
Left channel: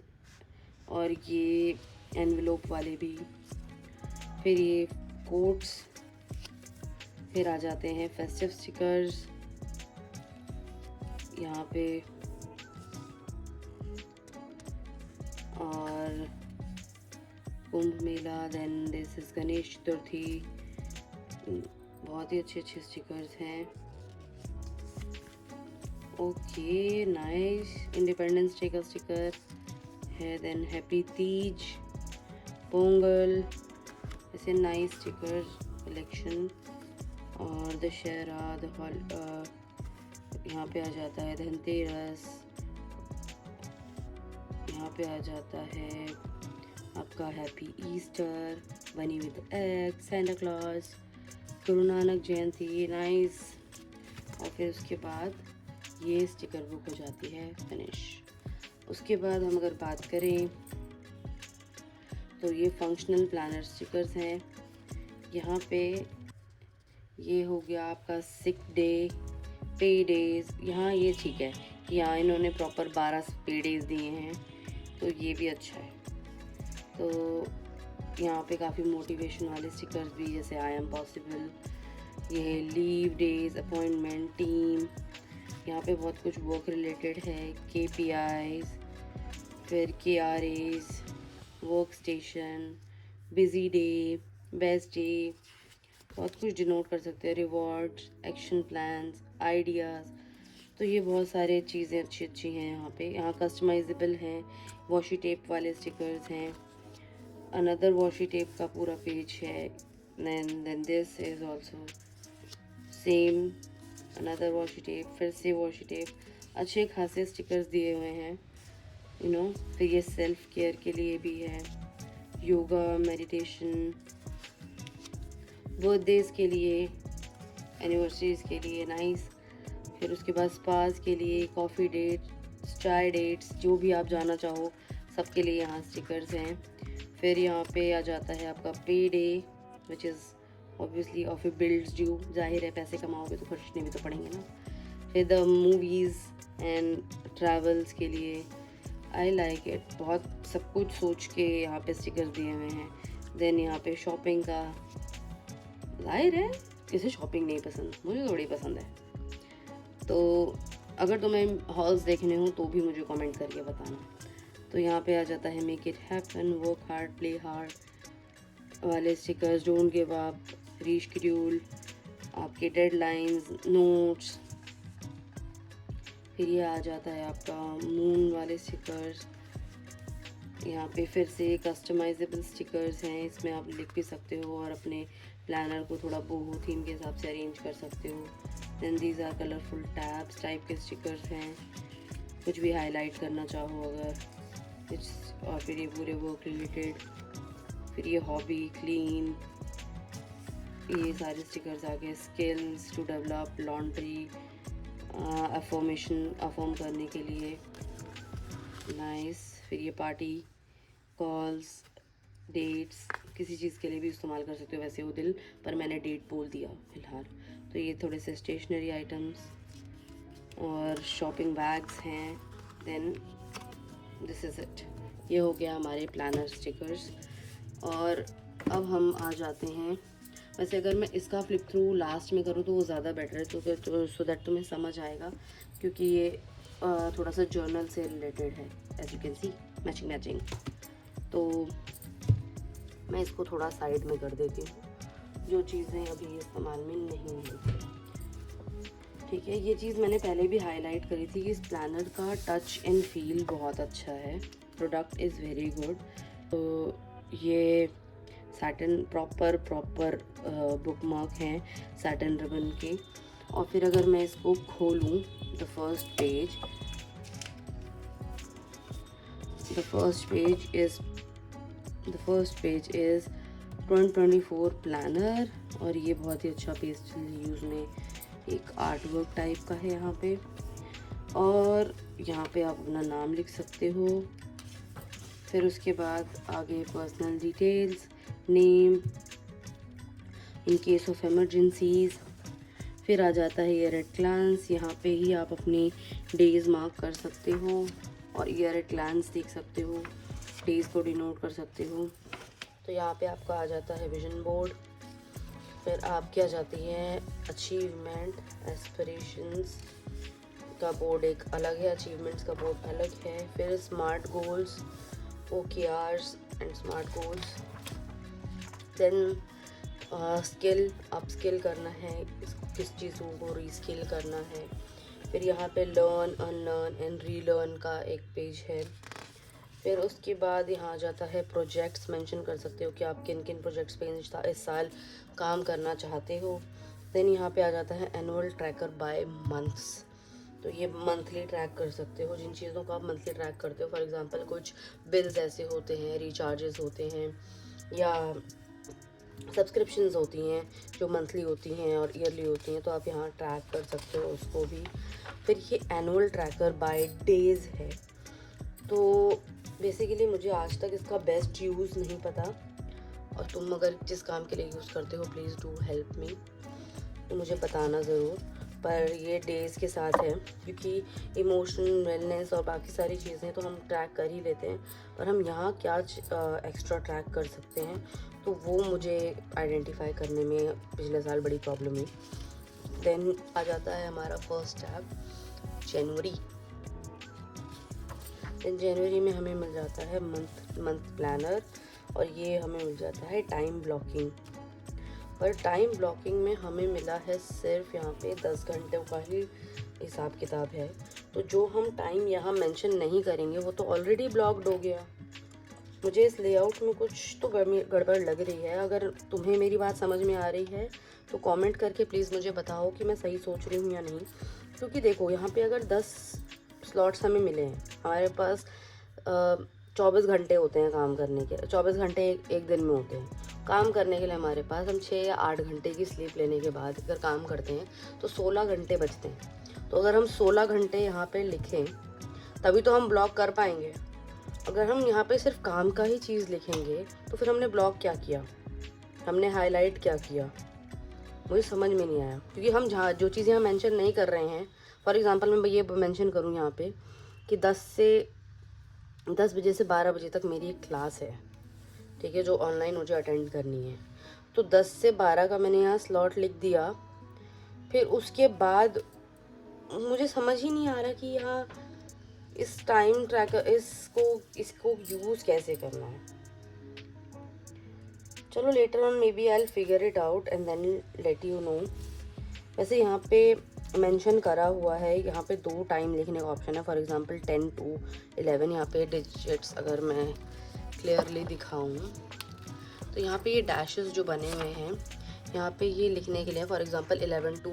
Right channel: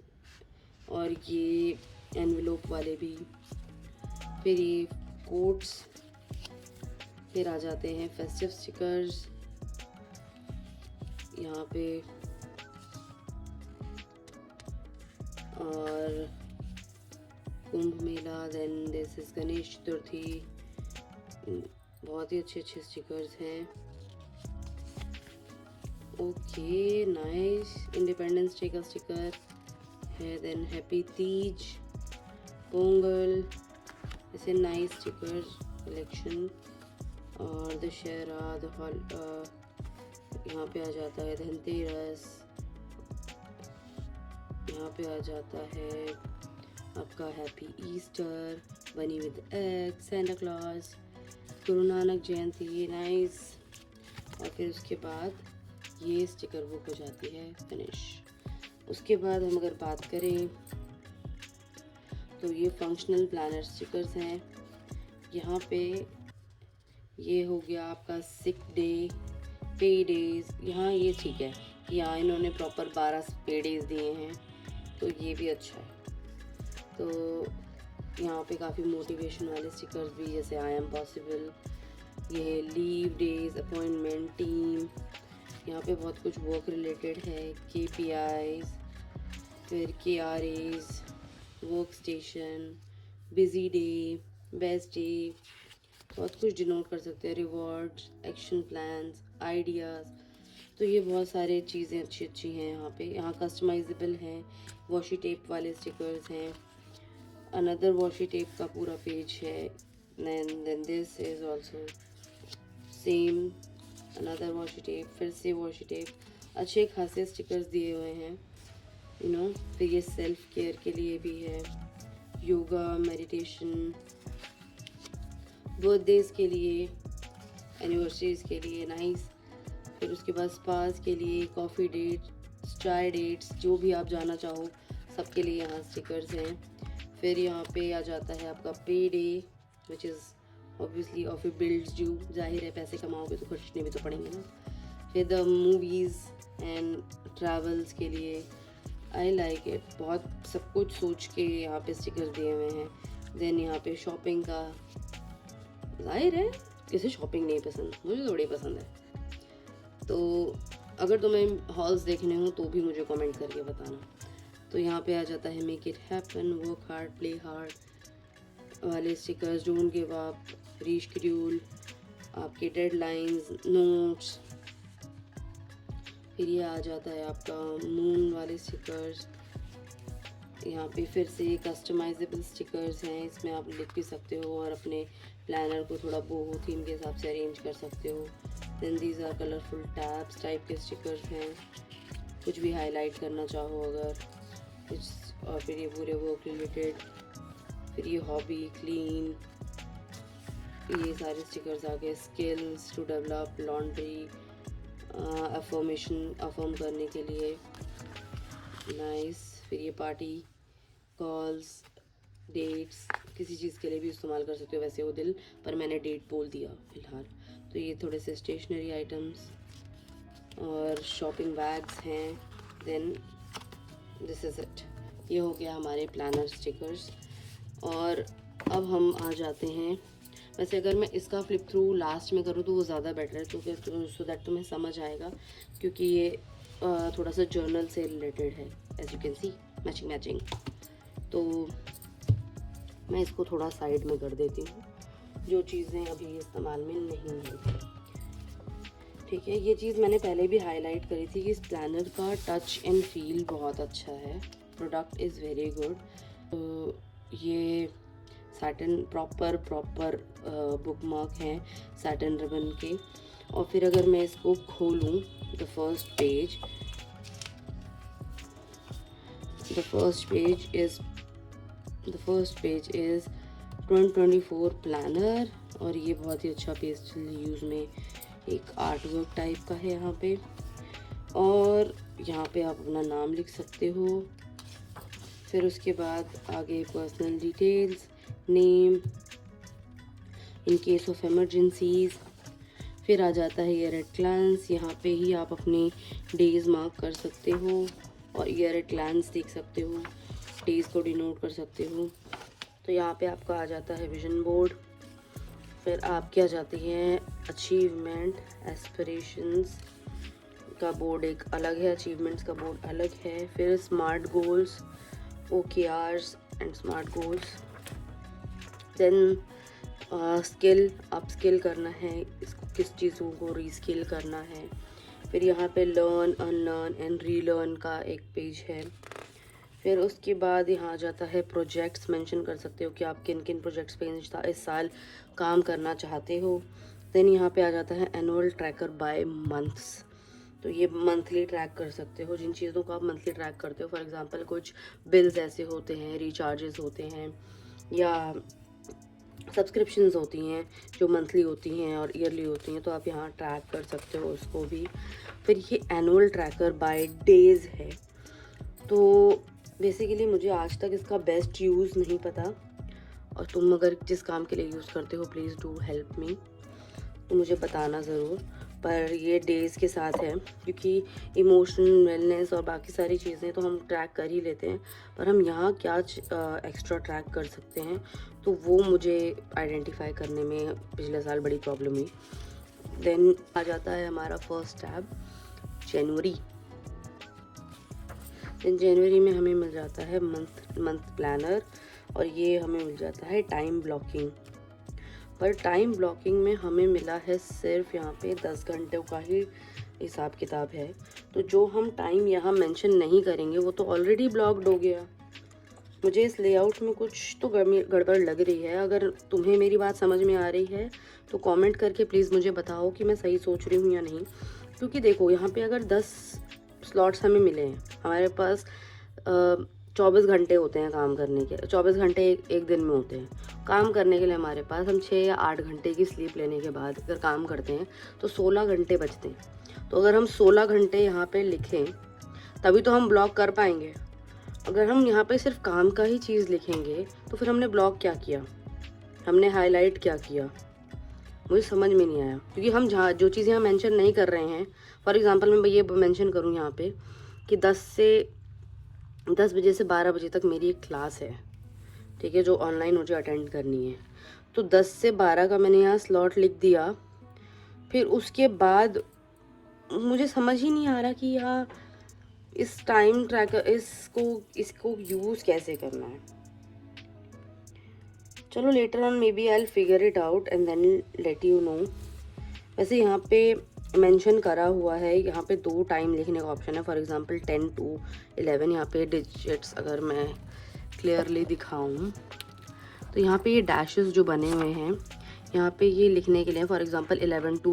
और ये एनवेलोप वाले भी। फिर ये कोट्स। फिर आ जाते हैं फेस्टिव स्टिकर्स यहाँ पे, और Kumbh Mela, then this is Ganesh Chaturthi, बहुत ही अच्छे अच्छे स्टिकर्स हैं। ओके नाइस, इंडिपेंडेंस डे का स्टिकर है, देन हैप्पी तीज, पोंगल, ऐसे नाइस स्टिकर कलेक्शन। और दशहरा, यहाँ पे आ जाता है धनतेरस, यहाँ पे आ जाता है आपका हैप्पी ईस्टर, बनी with egg, Santa Claus, Guru Nanak Jayanti, nice. और फिर उसके बाद ये स्टिकर बुक हो जाती है फिनिश। उसके बाद हम अगर बात करें तो ये फंक्शनल प्लानर स्टिकर्स हैं। यहाँ पे ये हो गया आपका सिक डे, पे डेज, यहाँ ये ठीक है, यहाँ इन्होंने प्रॉपर 12 पे डेज दिए हैं, तो ये भी अच्छा है। तो यहाँ पे काफ़ी मोटिवेशन वाले स्टिकर्स भी, जैसे आई एम पॉसिबल, ये लीव डेज, अपॉइंटमेंट, टीम, यहाँ पे बहुत कुछ वर्क रिलेटेड है, KPIs, फिर KRAs, work station, busy day, best day, बहुत कुछ डिनोट कर सकते हैं, रिवॉर्ड्स, एक्शन प्लान्स, आइडियाज़। तो ये बहुत सारे चीज़ें अच्छी अच्छी हैं यहाँ पे। यहाँ कस्टमाइजेबल हैं, वॉशी टेप वाले स्टिकर्स हैं, अनदर वॉशी टेप का पूरा पेज है, then this is also same, another washi tape, फिर से वॉशी टेप, अच्छे खासे स्टिकर्स दिए हुए हैं। फिर ये सेल्फ केयर के लिए भी है, योगा, मेडिटेशन, बर्थडेज़ के लिए, एनिवर्सरीज़ के लिए नाइस। फिर उसके बाद स्पास के लिए, कॉफ़ी डेट्स, चाय डेट्स, जो भी आप जाना चाहो सबके लिए यहाँ स्टिकर्स हैं। फिर यहाँ पे आ जाता है आपका पे day, which is obviously of A builds due, जाहिर है पैसे कमाओगे तो खर्चने भी तो पड़ेंगे ना। फिर द मूवीज़ एंड ट्रैवल्स के लिए, आई लाइक इट, बहुत सब कुछ सोच के यहाँ पे स्टिकर्स दिए हुए हैं। देन यहाँ पे शॉपिंग का, जाहिर है किसे शॉपिंग नहीं पसंद, मुझे तो बड़ी पसंद है। तो अगर तुम्हें हॉल्स देखने हो तो भी मुझे कमेंट करके बताना। तो यहाँ पे आ जाता है make it happen, work hard, play hard वाले stickers, don't give up, reschedule, आपके डेडलाइंस, नोट्स। फिर ये आ जाता है आपका मून वाले स्टिकर्स। यहाँ पे फिर से कस्टमाइजेबल स्टिकर्स हैं, इसमें आप लिख भी सकते हो और अपने प्लानर को थोड़ा बोहो थीम के हिसाब से अरेंज कर सकते हो। Then these are colourful tabs type के स्टिकर्स हैं, कुछ भी हाईलाइट करना चाहो अगर। और फिर ये पूरे वर्क रिलेटेड, फिर ये हॉबी, क्लीन, ये सारे स्टिकर्स आ गए। Skills to develop, laundry, affirmation, affirm करने के लिए, नाइस। फिर ये पार्टी, कॉल्स, डेट्स, किसी चीज़ के लिए भी इस्तेमाल कर सकते हो वैसे वो दिल, पर मैंने डेट बोल दिया फ़िलहाल। तो ये थोड़े से स्टेशनरी आइटम्स और शॉपिंग बैग्स हैं। देन दिस इज़ इट, ये हो गया हमारे प्लानर स्टिकर्स। और अब हम आ जाते हैं, वैसे अगर मैं इसका फ्लिप थ्रू लास्ट में करूँ तो वो ज़्यादा बेटर है, तो फिर सो दैट तुम्हें समझ आएगा, क्योंकि ये थोड़ा सा जर्नल से रिलेटेड है, as you can see, matching. तो मैं इसको थोड़ा साइड में कर देती हूँ, जो चीज़ें अभी इस्तेमाल में नहीं हैं। ठीक है, ये चीज़ मैंने पहले भी हाईलाइट करी थी कि इस प्लानर का टच एंड फील बहुत अच्छा है, प्रोडक्ट इज़ वेरी गुड। तो ये सैटिन प्रॉपर बुक मार्क हैं सैटिन रिबन के। और फिर अगर मैं इसको खोलूँ, the first page is 2024 planner, और ये बहुत ही अच्छा पेस्टल यूज़ में एक आर्ट वर्क टाइप का है यहाँ पे। और यहाँ पे आप अपना नाम लिख सकते हो। फिर उसके बाद आगे personal details, name, in case of emergencies. फिर आ जाता है ईयर एट ग्लांस, यहाँ पे ही आप अपने डेज मार्क कर सकते हो और ईयर एट ग्लांस देख सकते हो, डेज को डिनोट कर सकते हो। तो यहाँ पे आपका आ जाता है विजन बोर्ड, फिर आपकी आ जाती है अचीवमेंट, एस्पिरेशंस का बोर्ड एक अलग है, अचीवमेंट्स का बोर्ड अलग है। फिर smart goals, OKRs and smart goals. Then skill, upskill करना है, किस चीज़ों को रीस्किल करना है। फिर यहाँ पे लर्न, अनलर्न एंड रीलर्न का एक पेज है। फिर उसके बाद यहाँ आ जाता है प्रोजेक्ट्स, मेंशन कर सकते हो कि आप किन किन प्रोजेक्ट्स पे इस साल काम करना चाहते हो। देन यहाँ पे आ जाता है एनुअल ट्रैकर बाय मंथ्स, तो ये मंथली ट्रैक कर सकते हो जिन चीज़ों को आप मंथली ट्रैक करते हो। फॉर एग्जांपल कुछ बिल्स ऐसे होते हैं, रिचार्जेस होते हैं या सब्सक्रिप्शंस होती हैं जो मंथली होती हैं और ईयरली होती हैं, तो आप यहाँ ट्रैक कर सकते हो उसको भी। फिर ये एनुअल ट्रैकर बाय डेज है, तो बेसिकली मुझे आज तक इसका बेस्ट यूज़ नहीं पता, और तुम अगर जिस काम के लिए यूज़ करते हो प्लीज़ डू हेल्प मी, मुझे बताना ज़रूर। पर ये डेज़ के साथ है, क्योंकि इमोशनल वेलनेस और बाकी सारी चीज़ें तो हम ट्रैक कर ही लेते हैं, पर हम यहाँ क्या एक्स्ट्रा ट्रैक कर सकते हैं, तो वो मुझे आइडेंटिफाई करने में पिछले साल बड़ी प्रॉब्लम हुई। देन आ जाता है हमारा फर्स्ट टैब, जनवरी। जनवरी में हमें मिल जाता है मंथ प्लानर, और ये हमें मिल जाता है टाइम ब्लॉकिंग। पर टाइम ब्लॉकिंग में हमें मिला है सिर्फ यहाँ पे 10 घंटों का ही हिसाब किताब है, तो जो हम टाइम यहाँ मेंशन नहीं करेंगे वो तो ऑलरेडी ब्लॉक्ड हो गया। मुझे इस लेआउट में कुछ तो गड़बड़ लग रही है। अगर तुम्हें मेरी बात समझ में आ रही है तो कमेंट करके प्लीज़ मुझे बताओ कि मैं सही सोच रही हूँ या नहीं। क्योंकि देखो यहाँ पे अगर 10 स्लॉट्स हमें मिले हैं, हमारे पास 24 घंटे होते हैं काम करने के, 24 घंटे एक दिन में होते हैं काम करने के लिए हमारे पास। हम 6 या 8 घंटे की स्लीप लेने के बाद अगर काम करते हैं तो 16 घंटे बचते हैं। तो अगर हम 16 घंटे यहाँ पे लिखें तभी तो हम ब्लॉग कर पाएंगे। अगर हम यहाँ पे सिर्फ काम का ही चीज़ लिखेंगे तो फिर हमने ब्लॉग क्या किया, हमने हाईलाइट क्या किया, मुझे समझ में नहीं आया। क्योंकि हम जहाँ जो चीज़ यहाँ मेंशन नहीं कर रहे हैं, फॉर एग्जांपल मैं ये मेंशन करूँ यहाँ पे कि 10 बजे से 12 बजे तक मेरी एक क्लास है, ठीक है, जो ऑनलाइन मुझे अटेंड करनी है। तो 10 से 12 का मैंने यहाँ स्लॉट लिख दिया। फिर उसके बाद मुझे समझ ही नहीं आ रहा कि यहाँ इस टाइम ट्रैकर इसको यूज़ कैसे करना है। चलो later on maybe I will figure it out and then let you know. वैसे यहाँ पे मेंशन करा हुआ है, यहाँ पे 2 टाइम लिखने का ऑप्शन है, फॉर एग्जांपल 10 to 11। यहाँ पे डिजिट्स अगर मैं क्लियरली दिखाऊं तो यहाँ पे ये डैशेस जो बने हुए हैं यहाँ पे ये लिखने के लिए, फॉर एग्जांपल 11 to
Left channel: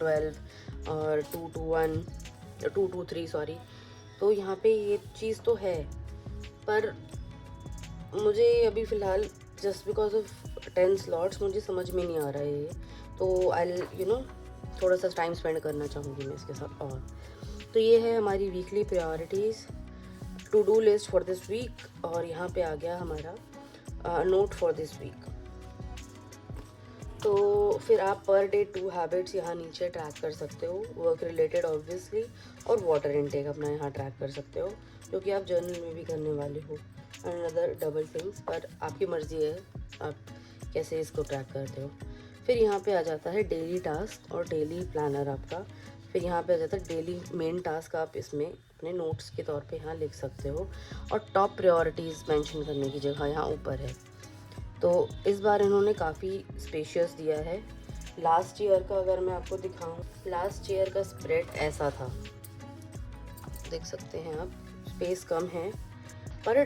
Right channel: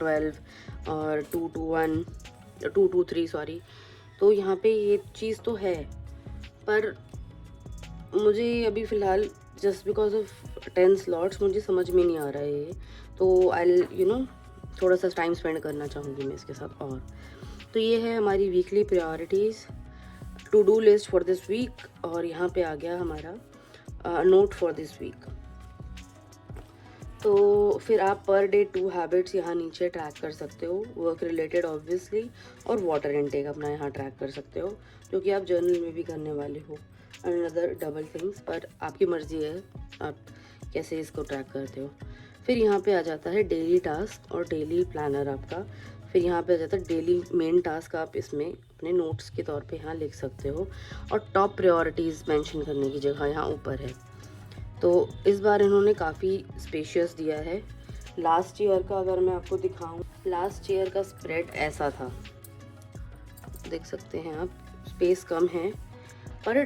12 और 2 to 3 सॉरी। तो यहाँ पे ये चीज़ तो है, पर मुझे अभी फ़िलहाल जस्ट बिकॉज ऑफ 10 स्लॉट्स मुझे समझ में नहीं आ रहा है। तो आई थोड़ा सा टाइम स्पेंड करना चाहूँगी मैं इसके साथ। और तो ये है हमारी weekly priorities, to do list for this week. और यहाँ पे आ गया हमारा नोट फॉर दिस वीक। तो फिर आप पर डे 2 हैबिट्स यहाँ नीचे ट्रैक कर सकते हो, वर्क रिलेटेड ऑब्वियसली, और वाटर इनटेक अपना यहाँ ट्रैक कर सकते हो, जो कि आप जर्नल में भी करने वाले हो। अनदर डबल थिंग्स, पर आपकी मर्जी है आप कैसे इसको ट्रैक करते हो। फिर यहाँ पे आ जाता है डेली टास्क और डेली प्लानर आपका। फिर यहाँ पे आ जाता है डेली मेन टास्क, आप इसमें अपने नोट्स के तौर पे यहाँ लिख सकते हो। और टॉप प्रायोरिटीज़ मेंशन करने की जगह यहाँ ऊपर है। तो इस बार इन्होंने काफ़ी स्पेशियस दिया है। लास्ट ईयर का अगर मैं आपको दिखाऊं, लास्ट ईयर का स्प्रेड ऐसा था, देख सकते हैं आप, स्पेस कम है, पर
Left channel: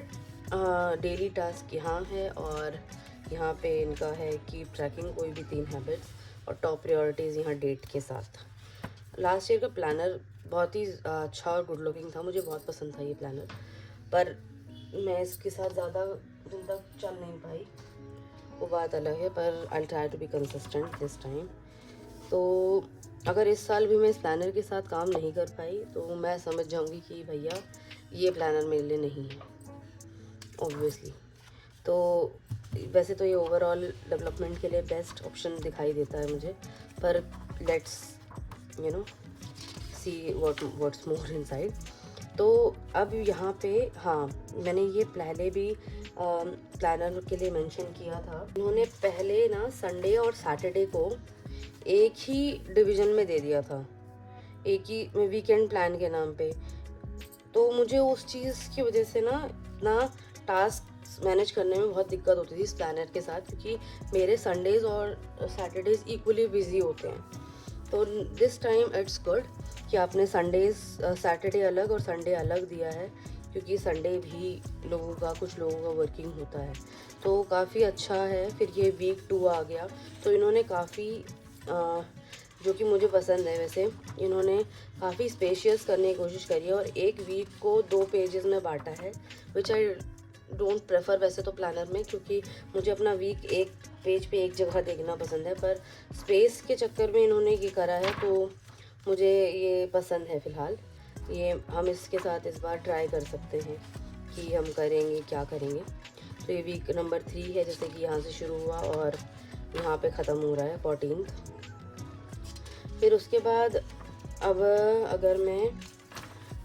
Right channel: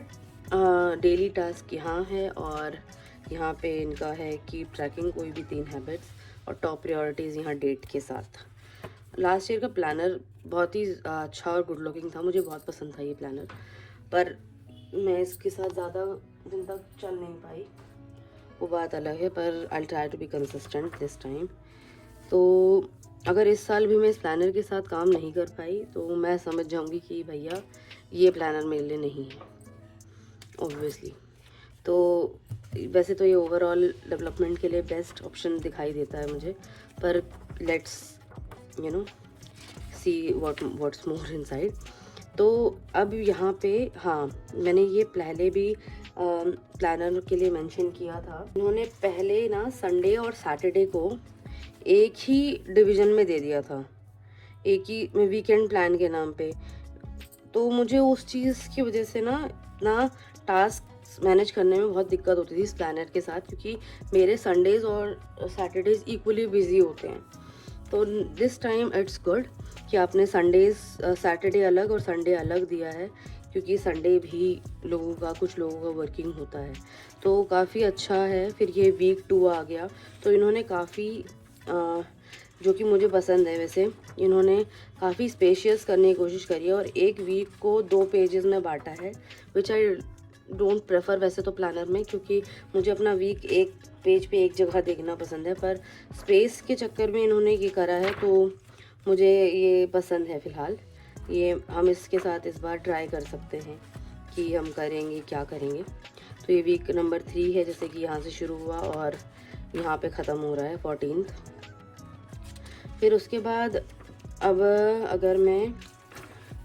डेली टास्क यहाँ है और यहाँ पे इनका है कीप ट्रैकिंग कोई भी 3 हैबिट्स, और टॉप प्रायोरिटीज़ यहाँ डेट के साथ। लास्ट ईयर का प्लानर बहुत ही अच्छा और गुड लुकिंग था, मुझे बहुत पसंद था ये प्लानर, पर मैं इसके साथ ज़्यादा दिन तक चल नहीं पाई, वो बात अलग है। पर I try to be consistent this time. तो अगर इस साल भी मैं इस प्लानर के साथ काम नहीं कर पाई तो मैं समझ जाऊंगी कि भैया ये प्लानर मेरे लिए नहीं है, ऑब्वियसली। तो वैसे तो ये ओवरऑल डेवलपमेंट के लिए बेस्ट ऑप्शन दिखाई देता है मुझे, पर let's see what's more inside. तो अब यहाँ पे हाँ, मैंने ये पहले भी प्लानर के लिए मेंशन किया था। उन्होंने पहले ना संडे और सैटरडे को एक ही डिवीज़न में दे दिया था, एक ही वीकेंड प्लान के नाम पे। तो मुझे उस चीज़ की वजह से ना टास्क मैनेज करने में बहुत दिक्कत होती थी इस प्लानर के साथ, क्योंकि मेरे संडेज़ और सैटरडेज़ इक्वली बिजी होते हैं। तो दिस टाइम इट्स गुड कि आपने संडेज़ सैटरडे अलग और संडे अलग दिया है, क्योंकि संडे भी कुछ लोगों का वर्किंग होता है, तो काफ़ी अच्छा है। फिर ये वीक 2 आ गया, तो इन्होंने काफ़ी जो कि मुझे पसंद है, वैसे इन्होंने काफ़ी स्पेशियस करने की कोशिश करी है और एक वीक को 2 पेजेस में बांटा है, विच आई डोंट प्रेफर वैसे तो प्लानर में, क्योंकि मुझे अपना वीक एक पेज पे एक जगह देखना पसंद है। पर स्पेस के चक्कर में इन्होंने ये करा है, तो मुझे ये पसंद है। फ़िलहाल ये हम इसके साथ इस बार ट्राई कर सकते हैं कि हम करेंगे क्या करेंगे। तो ये वीक नंबर 3 है, जैसे कि यहाँ से शुरू हुआ और यहाँ पे ख़त्म हो रहा है 14। फिर उसके बाद अब अगर मैं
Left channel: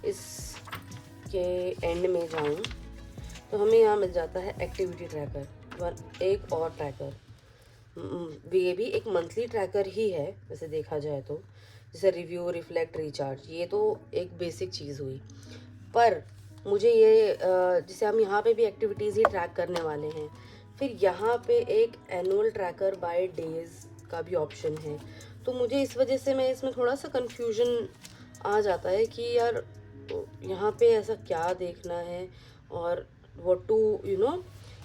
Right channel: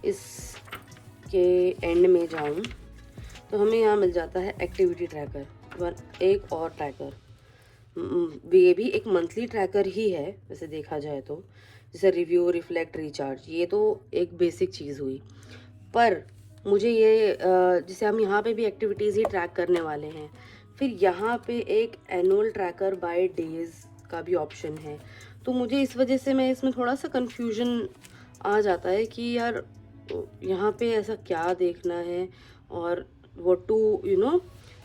इसके एंड में जाऊँ तो हमें यहाँ मिल जाता है एक्टिविटी ट्रैकर और एक और ट्रैकर। ये भी एक मंथली ट्रैकर ही है वैसे देखा जाए तो, जैसे रिव्यू, रिफ्लेक्ट, रिचार्ज, ये तो एक बेसिक चीज़ हुई। पर मुझे ये जैसे हम यहाँ पे भी एक्टिविटीज़ ही ट्रैक करने वाले हैं, फिर यहाँ पे एक एनुअल ट्रैकर बाय डेज का भी ऑप्शन है। तो मुझे इस वजह से मैं इसमें थोड़ा सा कंफ्यूजन आ जाता है कि यार यहाँ पे ऐसा क्या देखना है और what to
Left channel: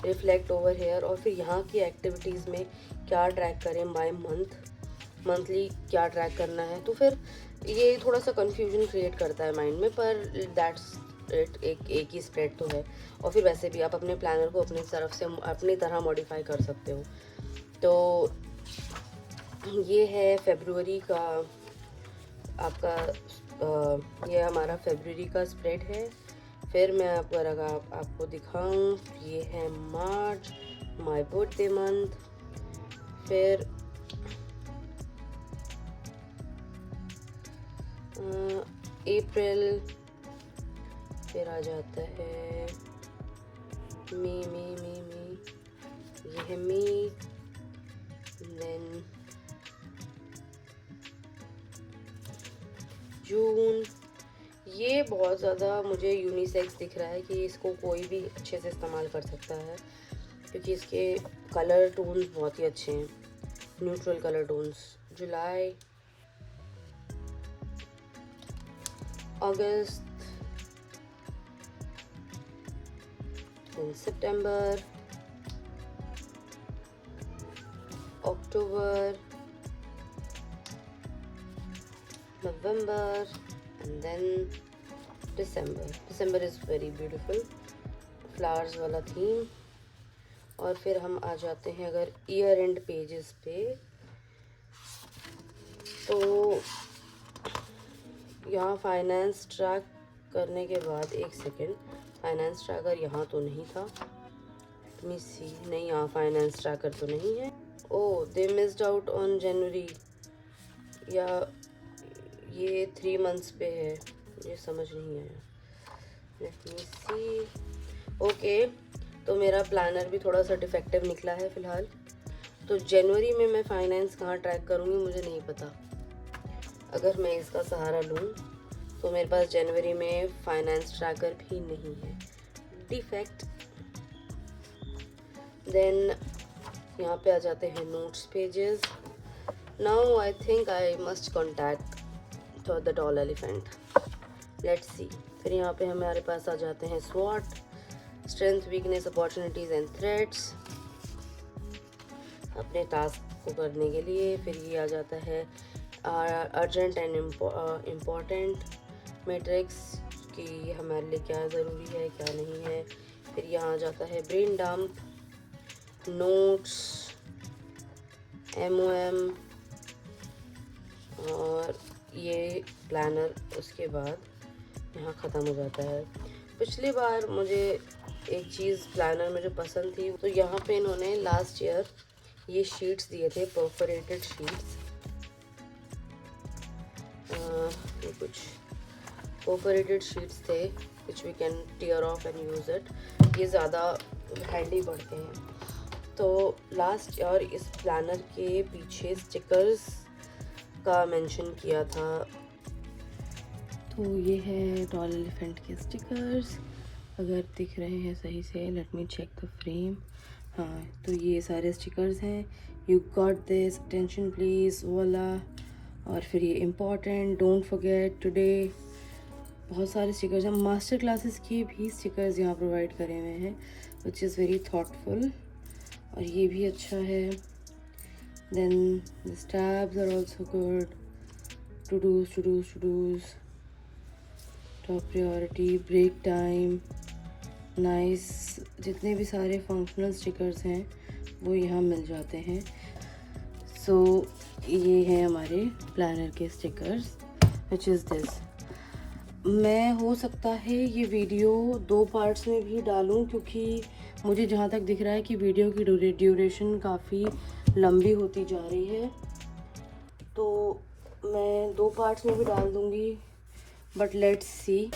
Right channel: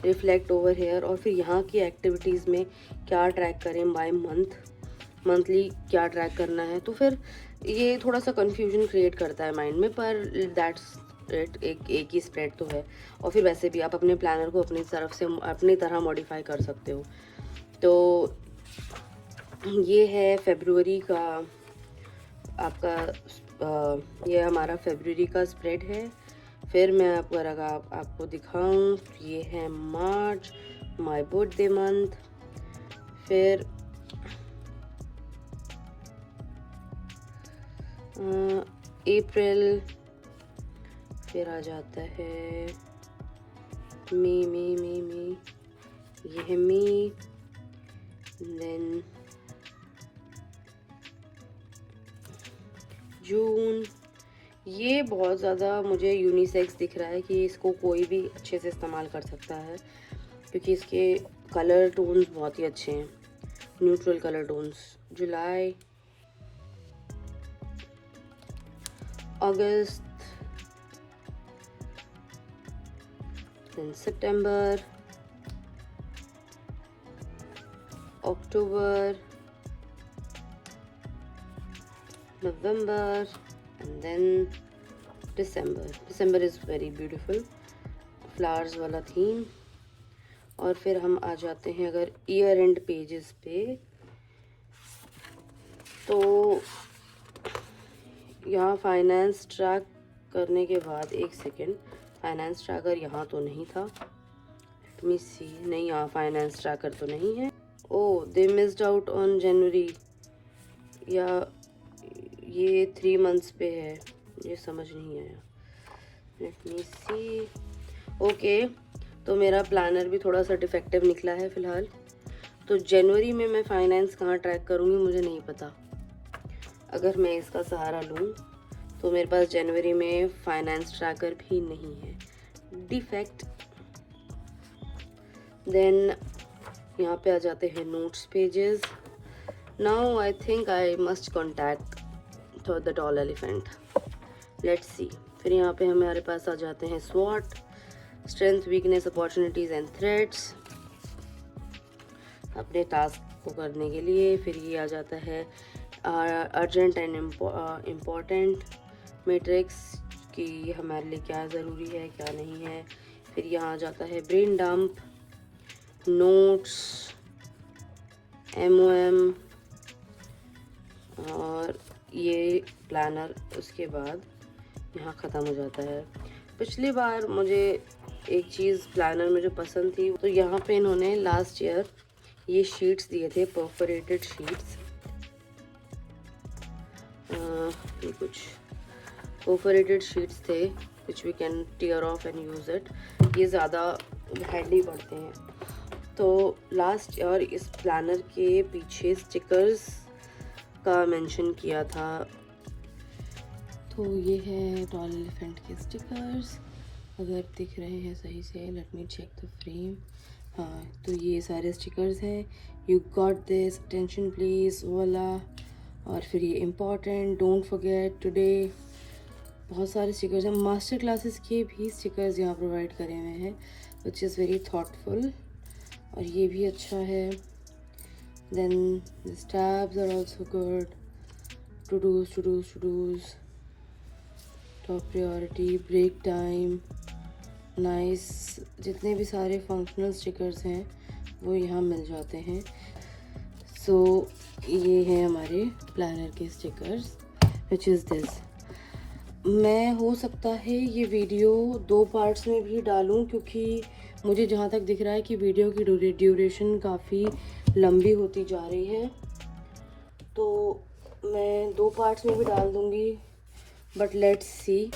reflect over here, और फिर यहाँ की एक्टिविटीज़ में क्या ट्रैक करें बाय मंथली क्या ट्रैक करना है। तो फिर ये थोड़ा सा कंफ्यूजन क्रिएट करता है माइंड में, पर दैट्स इट, एक ही स्प्रेड तो है। और फिर वैसे भी आप अपने प्लानर को अपनी तरफ से अपनी तरह मॉडिफाई कर सकते हो। तो ये है फरवरी का आपका, ये हमारा फरवरी का स्प्रेड है। फिर मैं अगर आपको दिखाऊं, ये है मार्च, माय बर्थडे मंथ। फिर अप्रैल, फिर आ जाता है मई, ये है मई। देन जून। ये बहुत ज़्यादा मुझे यूनिसेक्स दिख रहा है कि इसको कोई भी अच्छे से इस्तेमाल कर सकता है, क्योंकि इसके कलर टोन्स बहुत ही अच्छे हैं, न्यूट्रल कलर टोन्स। जुलाई, अगस्त, सितंबर, अक्टूबर, नवंबर, and then December is very beautiful, flowers वाला थीम। और फिर हम आ जाते हैं अगर ईयर एंड पेजेस पे, तो यहाँ फाइनेंस ट्रैक करने के बाद, एक सेकेंड, फाइनेंस ट्रैकर यहाँ तो नहीं था, लेट मी सी, नहीं, यहाँ फाइनेंस ट्रैकर तो नहीं है। Oh, they missed out on January, या ये 3 मंथ्स पे है, ये समझ नहीं आया, लेट मी सी। ओके, तो मेरा प्लानर भी थोड़ा सा डिफेक्टिव निकला है फ़िलहाल। तो जनवरी में मैं फाइनेंस कहाँ ट्रैक करूँगी मुझे नहीं पता। अगर मैं इसका सहारा लूँ तो मेरे पास जनवरी में फाइनेंस ट्रैकर भी नहीं है, डिफेक्ट। देन यहाँ पे आ जाते हैं notes pages. Now I think I must contact the tall elephant, let's see. फिर यहाँ पे हमारे पास आ जाते हैं स्वॉट, strength, weakness, opportunities and threats, अपने टास्क को करने के लिए। फिर ये आ जाता है अर्जेंट एंड इम्पॉर्टेंट मैट्रिक्स, कि हमारे लिए क्या ज़रूरी है क्या नहीं है। फिर यहाँ आ जाता है ब्रेन डंप, नोट्स, MOM, और ये प्लानर उसके बाद यहाँ ख़त्म हो जाता है। पिछली बार मुझे एक चीज़ प्लानर में जो पसंद थी, तो यहाँ पे इन्होंने लास्ट ईयर ये शीट्स दिए थे, परफोरेटेड शीट्स, कुछ परफोरेटेड शीट्स थे which we can tear off and use it. ये ज़्यादा हैंडी पड़ते हैं। तो लास्ट ईयर इस प्लानर के पीछे स्टिकर्स का मेंशन किया था। तो ये है टॉल एलिफेंट के स्टिकर्स, अगर दिख रहे हैं सही से, let me check the frame. हाँ, तो ये सारे स्टिकर्स हैं। You got this, attention please वाला, और फिर ये इम्पॉर्टेंट, डोंट फॉरगेट टुडे, बहुत सारे स्टिकर्स हैं। मास्टर क्लासेस के भी स्टिकर्स यहाँ प्रोवाइड करे हुए हैं, विच इज़ वेरी थॉटफुल, और ये भी अच्छा है। Then the tabs are also good, to dos, top priority, break time, nice. जितने भी सारे फंक्शनल स्टिकर्स हैं वो यहाँ मिल जाते हैं। सो ये है हमारे प्लानर के स्टिकर्स, विच इज़ दिस। मैं हो सकता है ये वीडियो 2 पार्ट्स में भी डालूं, क्योंकि मुझे जहाँ तक दिख रहा है कि वीडियो की ड्यूरेशन काफ़ी लंबी होती जा रही है, तो मैं 2 पार्ट्स में भी डाल दूँगी, बट लेट्स सी।